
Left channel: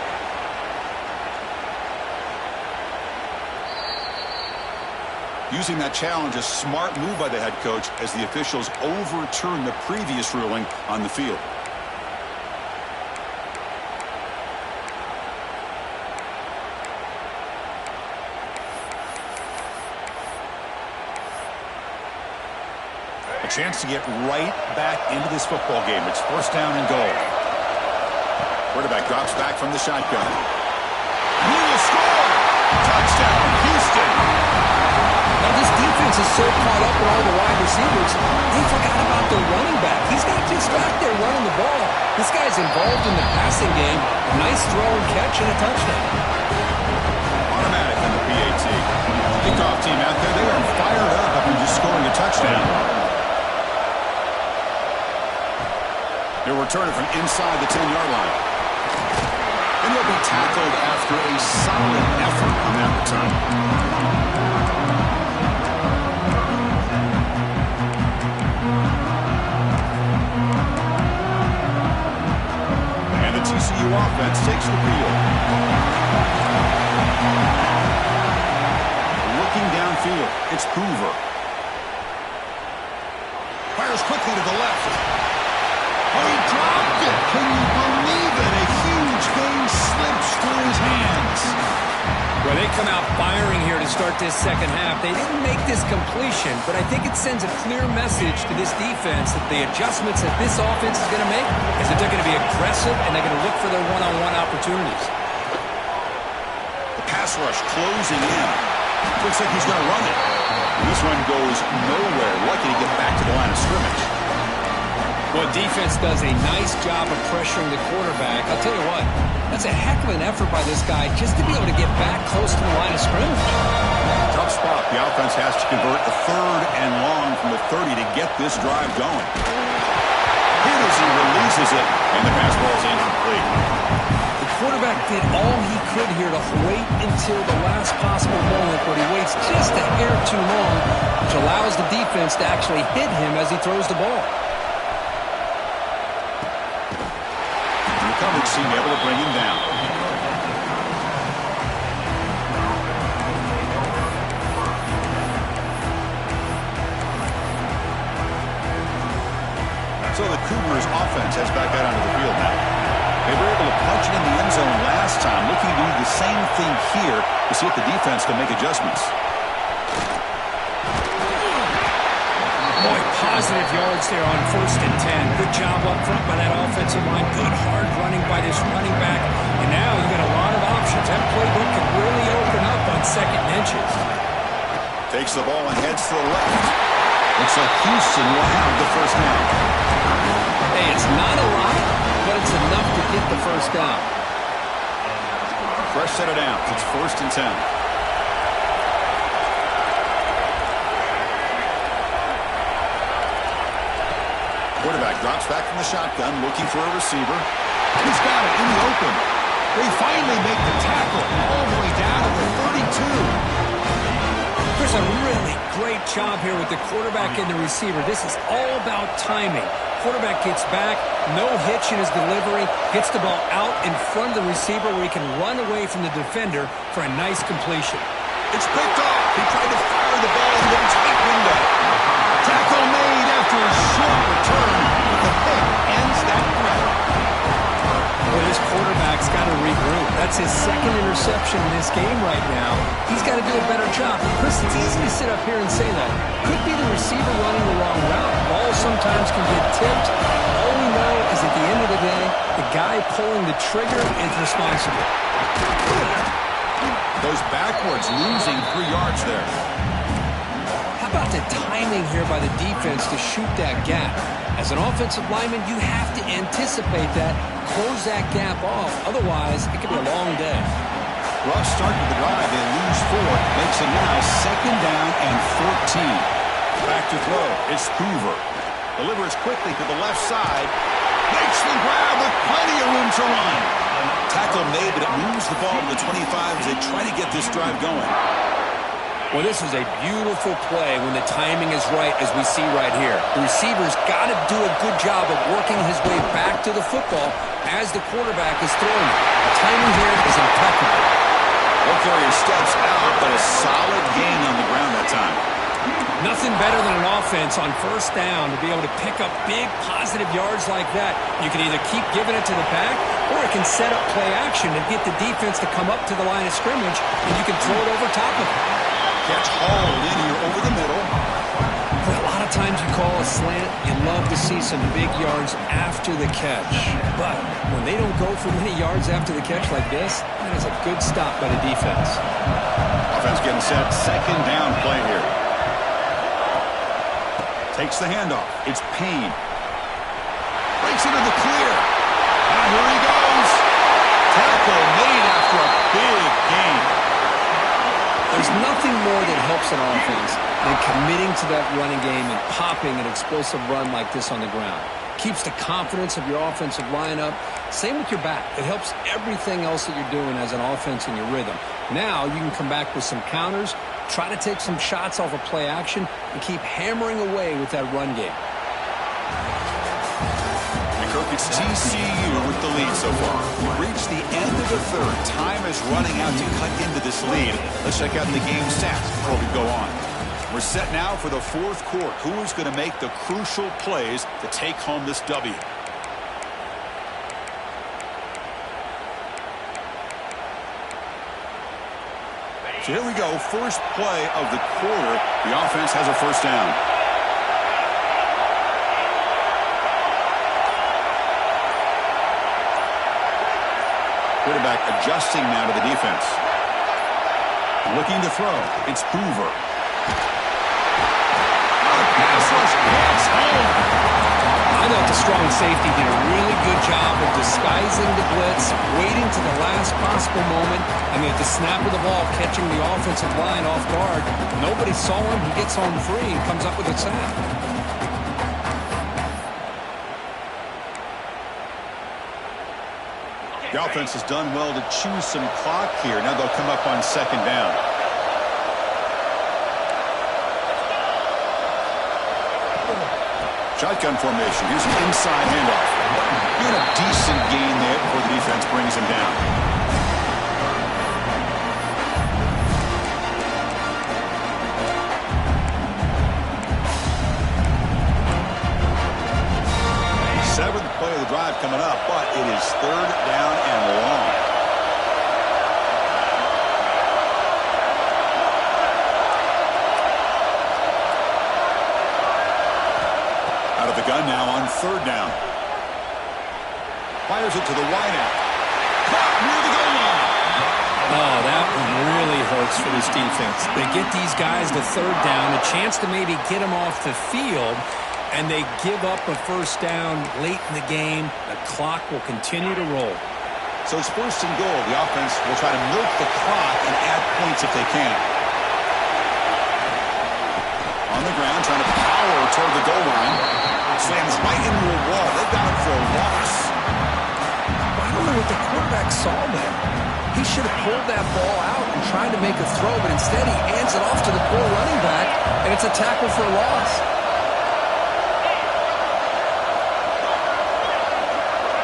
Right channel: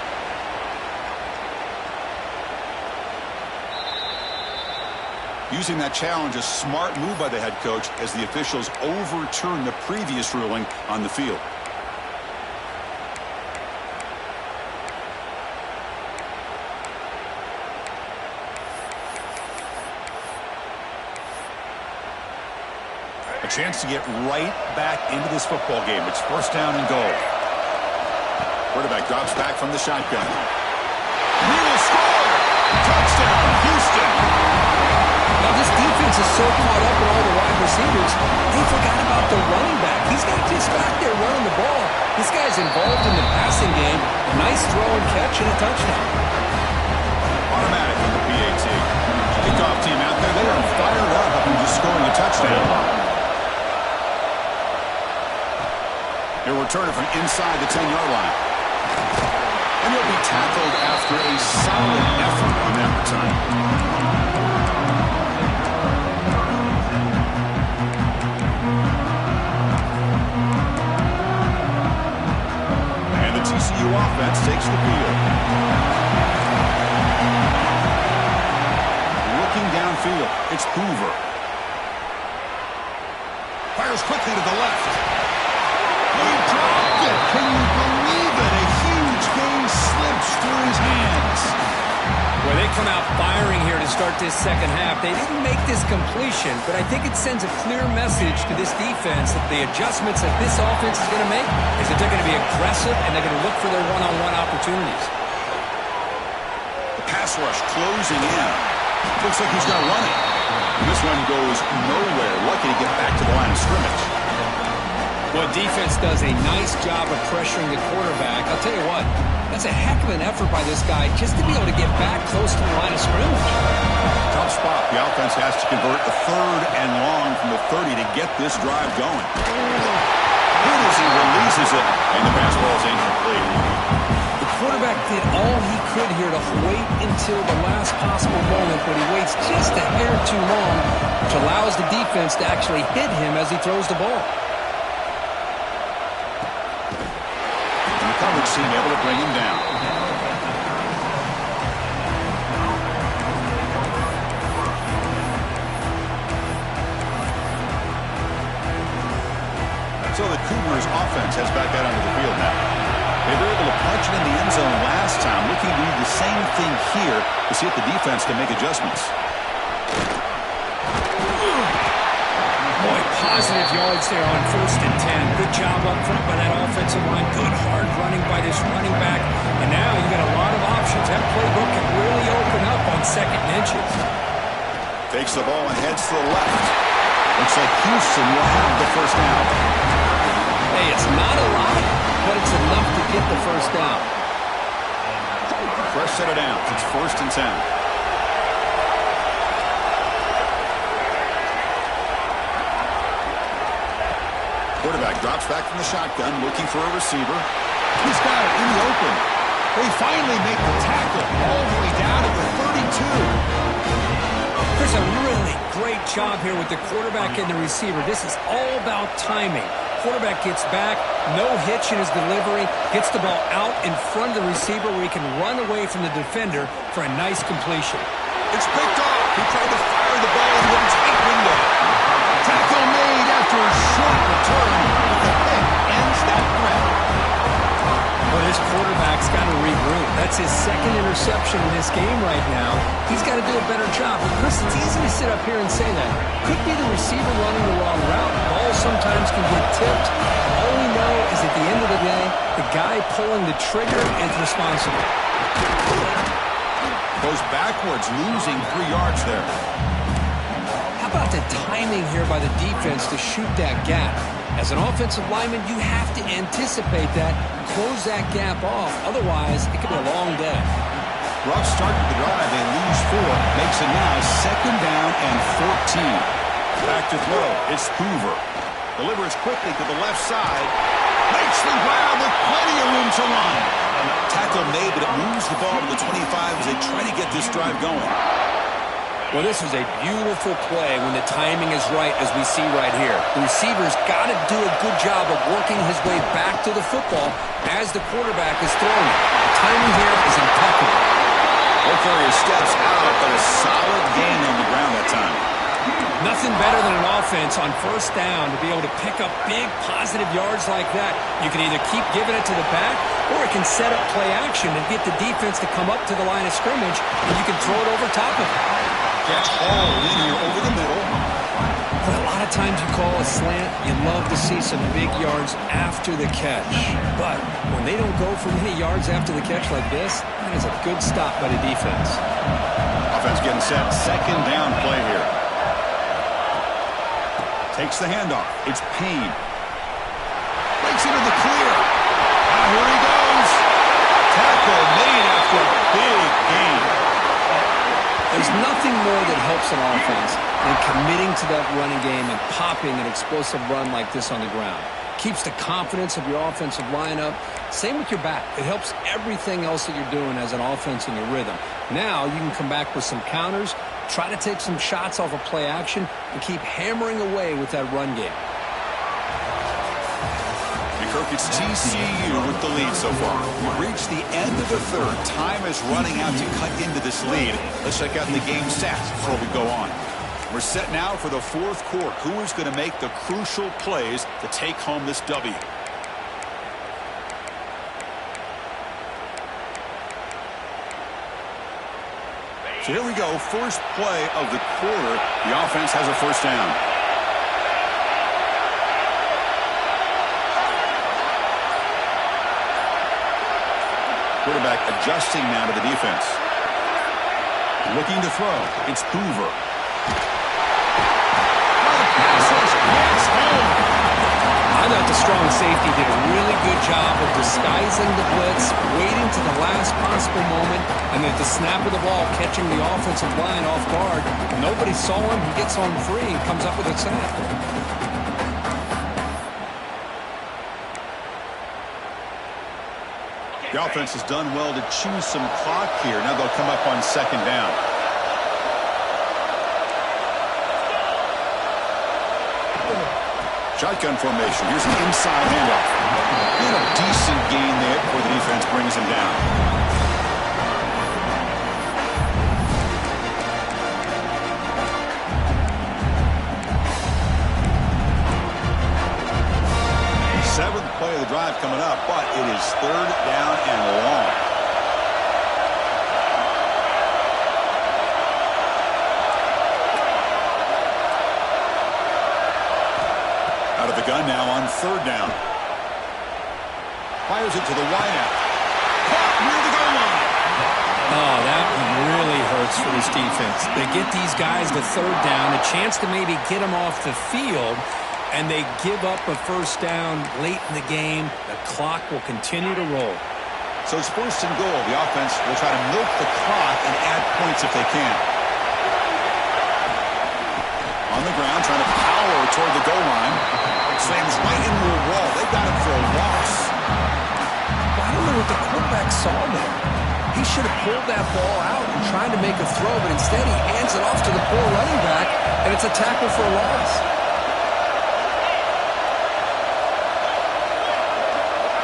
Using that challenge, a smart move by the head coach as the officials overturn the previous ruling on the field. A chance to get right back into this football game. It's first down and goal. Quarterback drops back from the shotgun. And he will score! Touchdown, Houston! Now this defense is so caught up in all the wide receivers, they forgot about the running back. He's not just back there running the ball. This guy's involved in the passing game. A nice throw and catch and a touchdown. Automatic in the PAT. Kickoff team out there, they are fired up after just scoring a touchdown. He'll return it from inside the 10-yard line. And he'll be tackled after a solid effort on that return. And the TCU offense takes the field. Looking downfield, it's Hoover. Fires quickly to the left. Oh, he dropped it. Can you believe it? A huge game slips through his hands. Well, they come out firing here to start this second half. They didn't make this completion, but I think it sends a clear message to this defense that the adjustments that this offense is going to make is that they're going to be aggressive and they're going to look for their one-on-one opportunities. The pass rush closing in. Looks like he's going to run it. And this one goes nowhere. Lucky to get back to the line of scrimmage. Well, defense does a nice job of pressuring the quarterback. I'll tell you what, that's a heck of an effort by this guy just to be able to get back close to the line of scrimmage. Tough spot. The offense has to convert the third and long from the 30 to get this drive going. Hit as he releases it, and the pass ball is incomplete. The quarterback did all he could here to wait until the last possible moment, but he waits just a hair too long, which allows the defense to actually hit him as he throws the ball. Coverage team able to bring him down. So the Cougars offense heads back out onto the field now. They were able to punch it in the end zone last time, looking to do the same thing here to see if the defense can make adjustments. Boy, positive yards there on 1st and 10. Good job up front by that offensive line. Good hard running by this running back. And now you got a lot of options. That playbook can really open up on 2nd and inches. Takes the ball and heads to the left. Looks like Houston will have the first down. Hey, it's not a lot, but it's enough to get the first down. Fresh set of downs. It's 1st and 10. Quarterback drops back from the shotgun, looking for a receiver. He's got it in the open. They finally make the tackle all the way down to the 32. There's a really great job here with the quarterback and the receiver. This is all about timing. Quarterback gets back, no hitch in his delivery, gets the ball out in front of the receiver where he can run away from the defender for a nice completion. It's picked off. He tried to fire the ball into a tight window. Tackle made after a short return, but the pick ends that threat. Well, this quarterback's got to regroup. That's his 2nd interception in this game right now. He's got to do a better job. Chris, it's easy to sit up here and say that. Could be the receiver running the wrong route. Balls sometimes can get tipped. All we know is at the end of the day, the guy pulling the trigger is responsible. Goes backwards, losing 3 yards there. How about the timing here by the defense to shoot that gap? As an offensive lineman, you have to anticipate that, close that gap off. Otherwise, it could be a long day. Rough start to the drive. They lose 4. Makes it now 2nd down and 14. Back to throw. It's Hoover. Delivers quickly to the left side. Makes the grab with plenty of room to run. Tackle made, but it moves the ball to the 25 as they try to get this drive going. Well, this is a beautiful play when the timing is right, as we see right here. The receiver's got to do a good job of working his way back to the football as the quarterback is throwing it. The timing here is impeccable. Ball carrier steps out, but a solid gain on the ground that time. Nothing better than an offense on first down to be able to pick up big positive yards like that. You can either keep giving it to the back, or it can set up play action and get the defense to come up to the line of scrimmage, and you can throw it over top of it. Catch hauled in here over the middle. But a lot of times you call a slant, you love to see some big yards after the catch. But when they don't go for many yards after the catch like this, that is a good stop by the defense. Offense getting set. Second down play here. Takes the handoff. It's Payne. Breaks into the clear. Here he goes. Tackle made after a big gain. There's nothing more that helps an offense than committing to that running game and popping an explosive run like this on the ground. Keeps the confidence of your offensive lineup. Same with your back. It helps everything else that you're doing as an offense in your rhythm. Now you can come back with some counters, try to take some shots off of play action, and keep hammering away with that run game. Kirk, it's TCU with the lead so far. We've reached the end of the third. Time is running out to cut into this lead. Let's check out the game stats before we go on. We're set now for the fourth quarter. Who is going to make the crucial plays to take home this W? So here we go. First play of the quarter. The offense has a first down. Quarterback adjusting now to the defense. Looking to throw. It's Hoover. Pass rush gets home. I thought the strong safety did a really good job of disguising the blitz, waiting to the last possible moment, and at the snap of the ball, catching the offensive line off guard. Nobody saw him. He gets home free and comes up with a sack. The offense has done well to choose some clock here. Now they'll come up on second down. Shotgun formation. Here's an inside handoff. And a decent gain there before the defense brings him down. Seventh play of the drive coming up, but it is third down and long. Out of the gun now on third down. Fires it to the wideout. Caught near the goal line. Oh, that really hurts for this defense. They get these guys to third down, a chance to maybe get them off the field, and they give up a first down late in the game. The clock will continue to roll. So it's first and goal. The offense will try to milk the clock and add points if they can. On the ground, trying to power toward the goal line. Slams right into a wall. They've got him for a loss. I don't know what the quarterback saw there. He should have pulled that ball out and tried to make a throw, but instead he hands it off to the poor running back, and it's a tackle for a loss.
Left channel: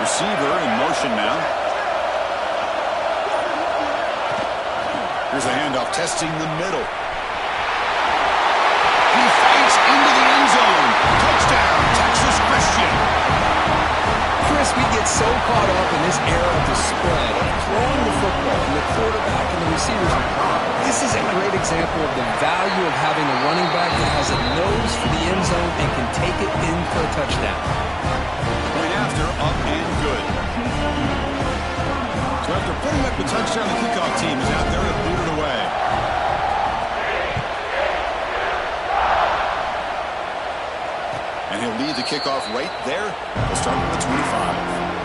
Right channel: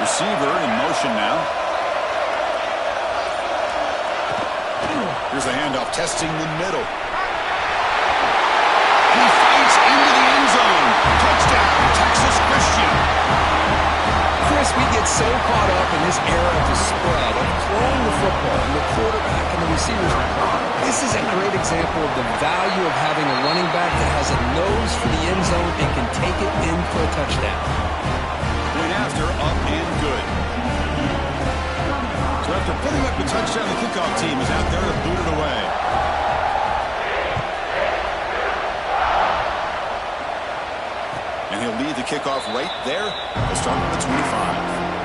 Receiver in motion now. Here's the handoff, testing the middle. He fights into the end zone. Touchdown, Texas Christian. Chris, we get so caught up in this era of the spread, of throwing the football, and the quarterback and the receivers. This is a great example of the value of having a running back that has a nose for the end zone and can take it in for a touchdown. Point after, up and good. So after putting up the touchdown, the kickoff team is out there to boot it away. And he'll lead the kickoff right there. We'll start with the 25.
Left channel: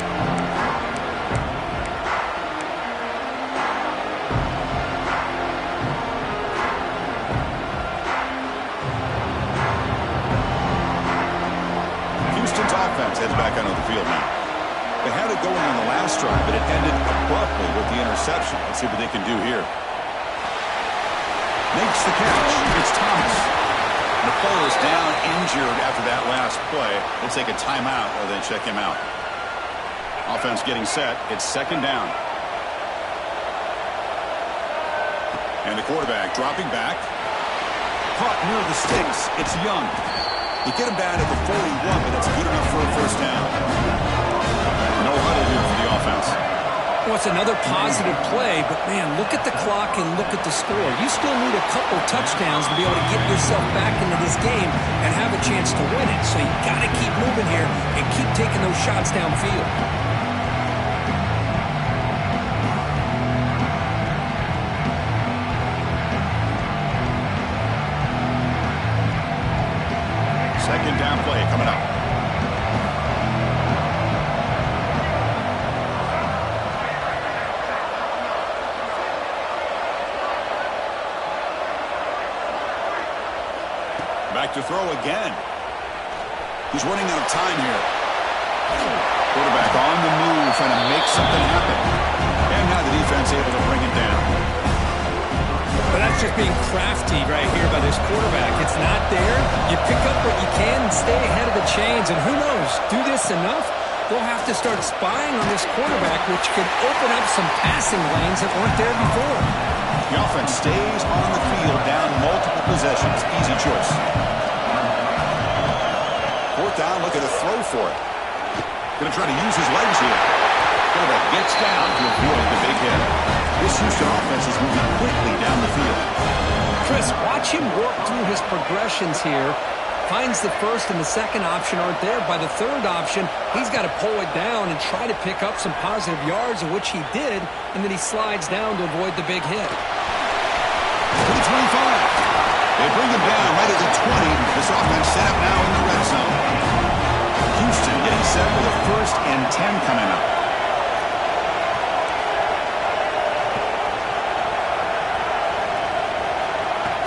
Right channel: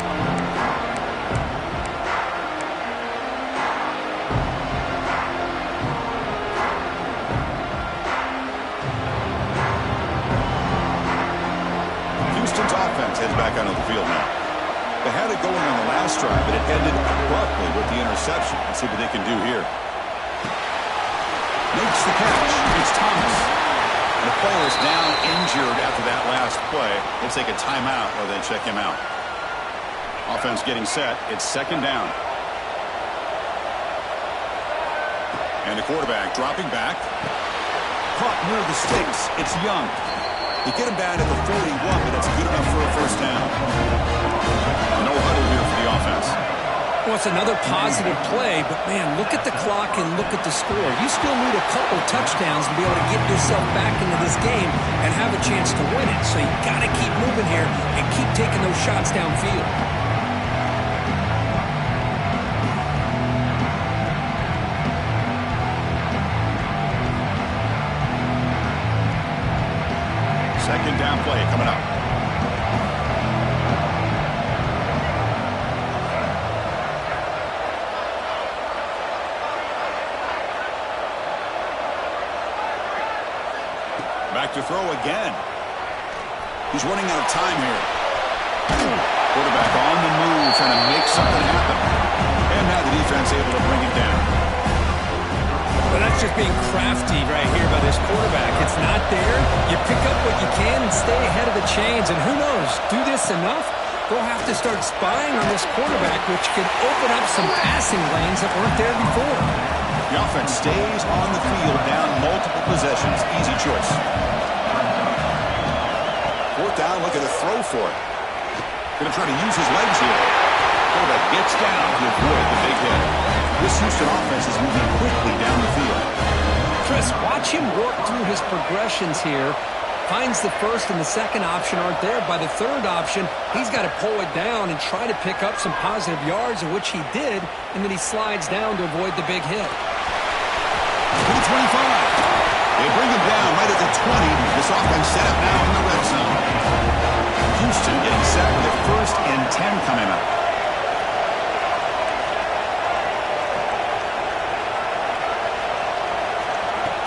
Houston's offense heads back onto the field now. They had it going on the last drive, but it ended abruptly with the interception. Let's see what they can do here. Makes the catch. It's Thomas. The player is down injured after that last play. We'll take a timeout while they check him out. Offense getting set. It's second down. And the quarterback dropping back. Caught near the sticks. It's Young. They get him down at the 41, but it's good enough for a first down. No huddle here for the offense. Well, it's another positive play, but, man, look at the clock and look at the score. You still need a couple touchdowns to be able to get yourself back into this game and have a chance to win it. So you got to keep moving here and keep taking those shots downfield. Second down play coming up. Back to throw again. He's running out of time here. Quarterback on the move, trying to make something happen. And now the defense able to bring it down. But that's just being crafty right here by this quarterback. It's not there. You pick up what you can and stay ahead of the chains. And who knows, do this enough, they'll have to start spying on this quarterback, which could open up some passing lanes that weren't there before. The offense stays on the field, down multiple possessions. Easy choice. Fourth down, looking to throw for it. Going to try to use his legs here. Quarterback gets down to avoid the big hit. This Houston offense is moving quickly down the field. Chris, watch him work through his progressions here. Finds the first and the second option aren't there. By the third option, he's got to pull it down and try to pick up some positive yards, in which he did, and then he slides down to avoid the big hit. To the 25. They bring him down right at the 20. This offense set up now in the red zone. Houston getting set with a 1st and 10 coming up.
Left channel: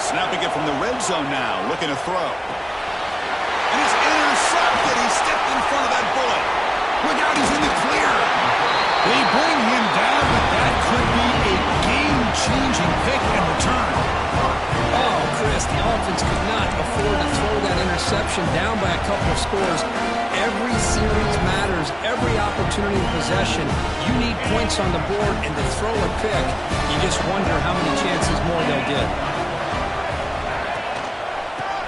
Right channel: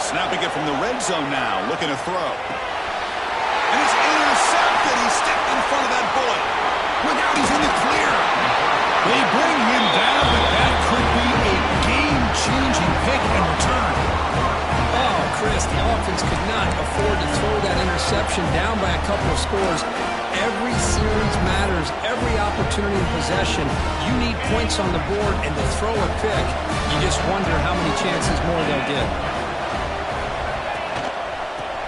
Snapping it from the red zone now, looking to throw. And it's intercepted. He stepped in front of that bullet. Look out, he's in the clear. They bring him down, but that could be a game-changing pick and return. Oh, Chris, the offense could not afford to throw that interception down by a couple of scores. Every series matters. Every opportunity in possession. You need points on the board, and to throw a pick, you just wonder how many chances more they'll get.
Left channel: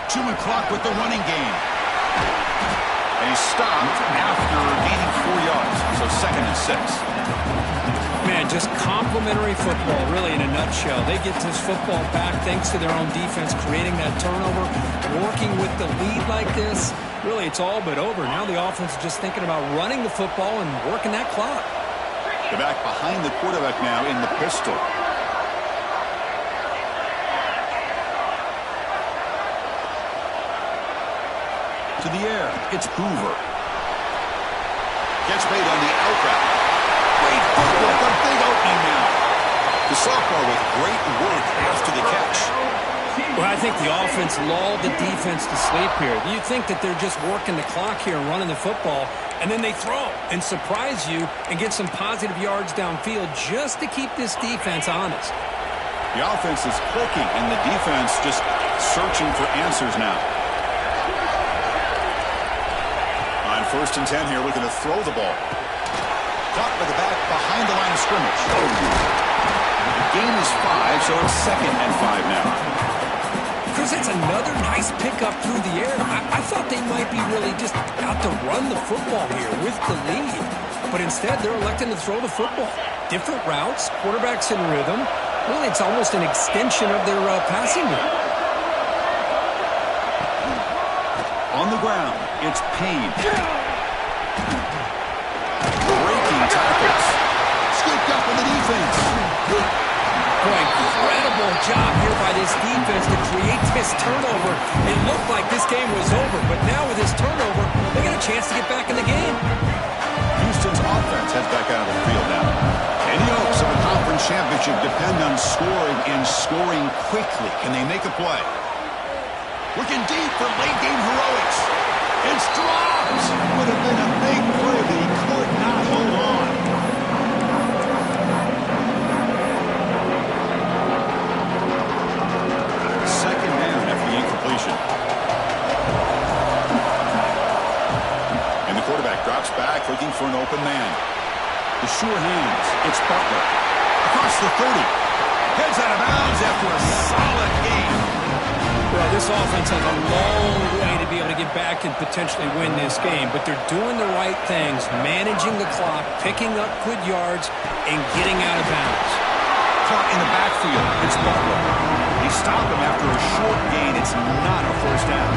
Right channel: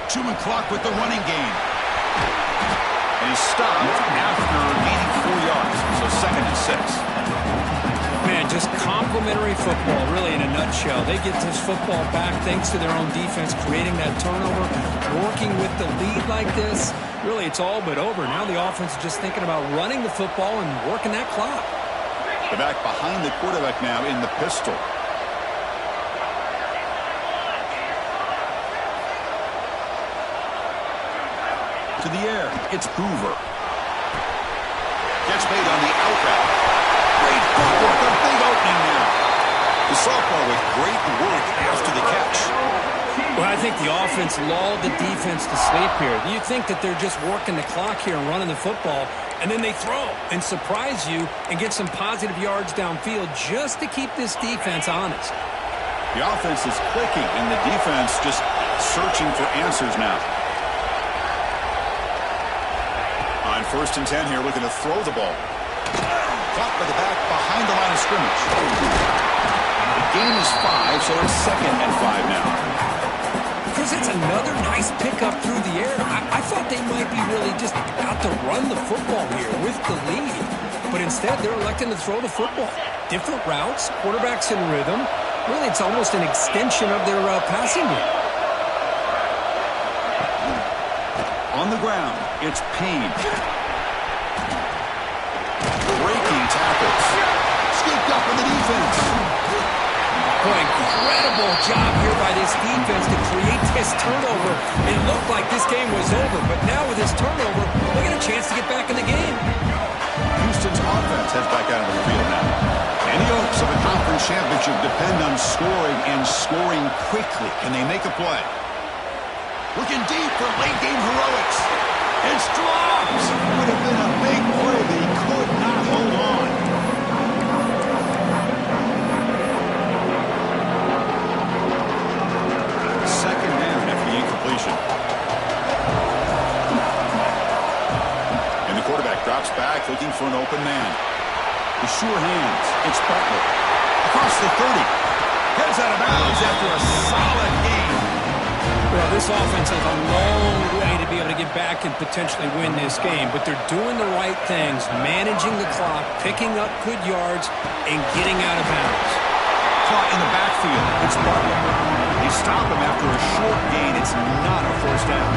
Chewing clock with the running game. And he's stopped after gaining 4 yards. So 2nd and 6. Man, just complimentary football, really, in a nutshell. They get this football back thanks to their own defense, creating that turnover, working with the lead like this. Really, it's all but over. Now the offense is just thinking about running the football and working that clock. The back behind the quarterback now in the pistol. To the air, it's Hoover. Gets made on the out route. Great footwork, a big opening now. The sophomore with great work after the catch. Well, I think the offense lulled the defense to sleep here. You think that they're just working the clock here and running the football, and then they throw and surprise you and get some positive yards downfield just to keep this defense honest. The offense is clicking, and the defense just searching for answers now. On 1st and 10 here, looking to throw the ball. Caught by the back behind the line of scrimmage. The gain is 5, so it's 2nd and 5 now. Chris, that's another nice pickup through the air. I thought they might be really just out to run the football here with the lead. But instead, they're electing to throw the football. Different routes, quarterbacks in rhythm. Really, it's almost an extension of their passing game. On the ground, it's Payne. Breaking tackles. Scooped up in the defense. Boy, incredible job here by this defense to create this turnover. It looked like this game was over, but now with this turnover, they get a chance to get back in the game. Houston's offense heads back out of the field now. Any hopes of a conference championship depend on scoring and scoring quickly. Can they make a play? Looking deep for late-game heroics. It's dropped. Would have been a big play, but he could not hold on. drops back looking for an open man. The sure hands. It's Butler. Across the 30. Heads out of bounds after a solid game. Well, this offense has a long way to be able to get back and potentially win this game, but they're doing the right things, managing the clock, picking up good yards, and getting out of bounds. Caught in the backfield. It's Butler. They stop him after a short gain. It's not a first down.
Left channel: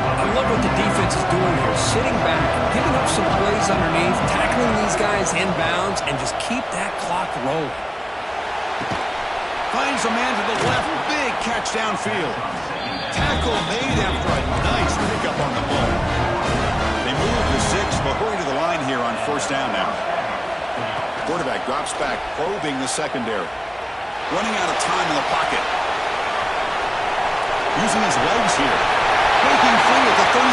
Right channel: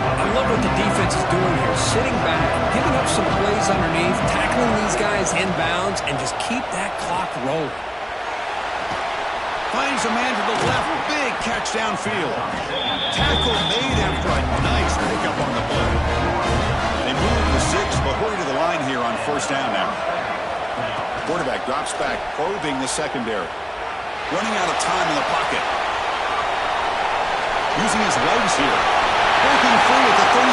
I love what the defense is doing here, sitting back, giving up some plays underneath, tackling these guys inbounds, and just keep that clock rolling. Finds a man to the left. Big catch downfield. Tackle made after a nice pickup on the play. They move to 6, but hurry to the line here on first down now. Quarterback drops back, probing the secondary. Running out of time in the pocket. Using his legs here. Breaking free at the 35.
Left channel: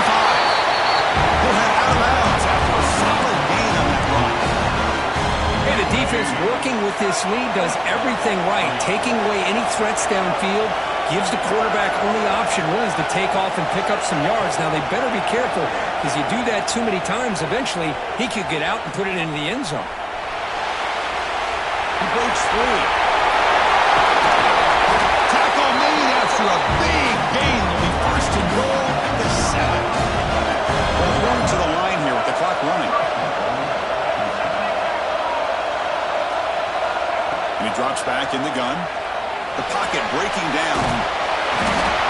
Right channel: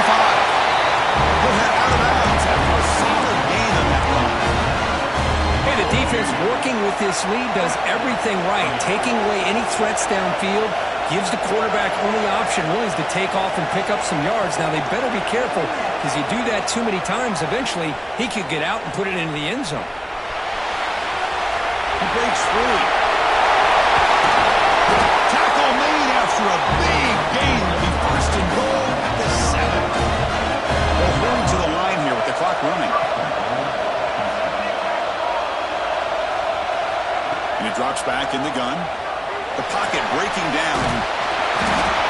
He'll head out of bounds after a solid gain on that run. Hey, the defense working with this lead does everything right. Taking away any threats downfield gives the quarterback only option really is to take off and pick up some yards. Now, they better be careful because you do that too many times, eventually he could get out and put it into the end zone. He breaks free. Tackle made after a big gain. Will be first and goal at the 7. They'll hurry to the line here with the clock running. And he drops back in the gun. The pocket breaking down.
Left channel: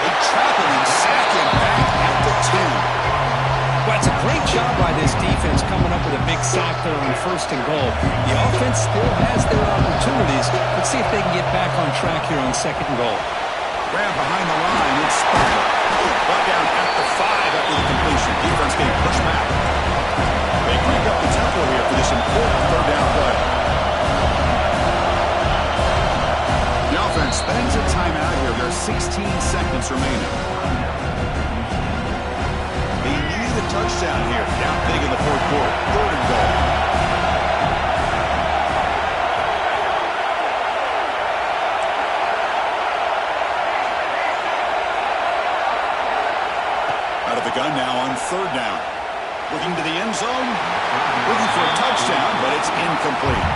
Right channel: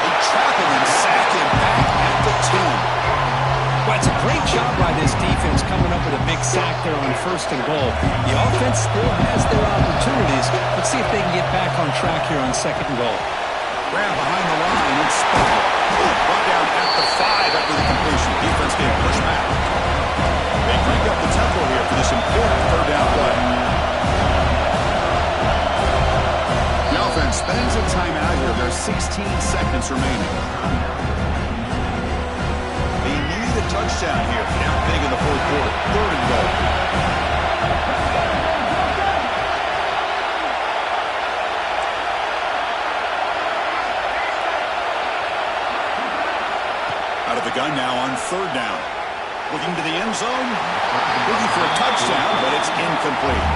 They trap him and sack him back at the 10. Well, it's a great job by this defense coming up with a big sack there on first and goal. The offense still has their opportunities. Let's see if they can get back on track here on second and goal. Grab behind the line. It's Butler. Brought down at the 5 after the completion. Defense getting pushed back. They crank up the tempo here for this important third down play. The offense spends a timeout here. There are 16 seconds remaining. They need a touchdown here. Down big in the fourth quarter. Third and goal. Out of the gun now on third down. Looking to the end zone. Looking for a touchdown, but it's incomplete.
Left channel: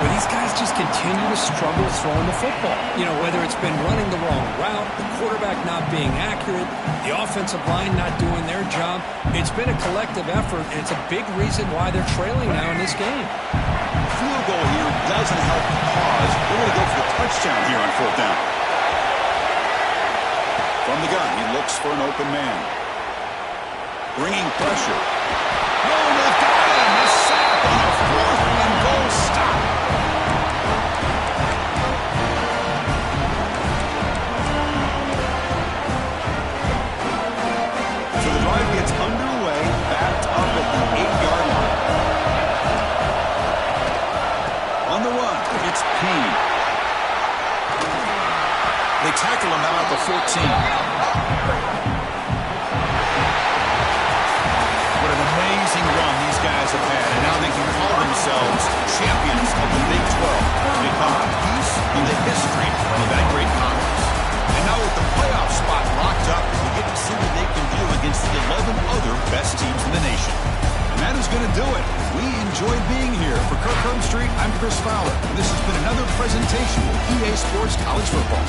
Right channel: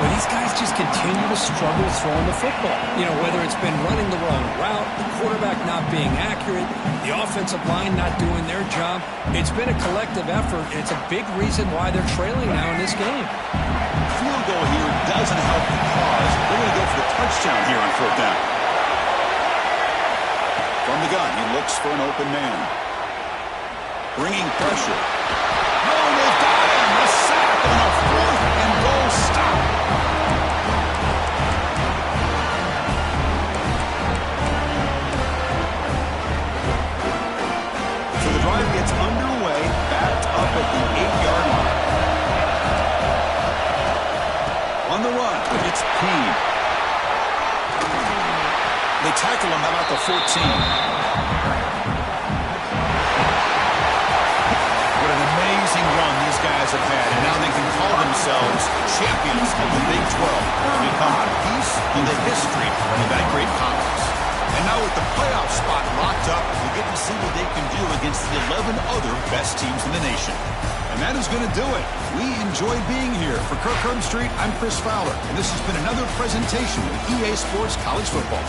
Well, these guys just continue to struggle throwing the football. You know, whether it's been running the wrong route, the quarterback not being accurate, the offensive line not doing their job. It's been a collective effort, and it's a big reason why they're trailing now in this game. Field goal here doesn't help the cause. They're going to go for the touchdown here on fourth down. From the gun, he looks for an open man. Bringing pressure. No, they've got him. A sack on a fourth and goal stop. So the drive gets underway, backed up at the 8-yard line. On the run, it's Payne. They tackle him about the 14. What an amazing run these guys have had, and now they can call themselves champions of the Big 12 to become a piece of the history of that great conference. And now with the playoff spot locked up, we get to see what they can do against the 11 other best teams in the nation. And that is going to do it. We enjoyed being here. For Kirk Herbstreit, I'm Chris Fowler, and this has been another presentation of EA Sports College Football.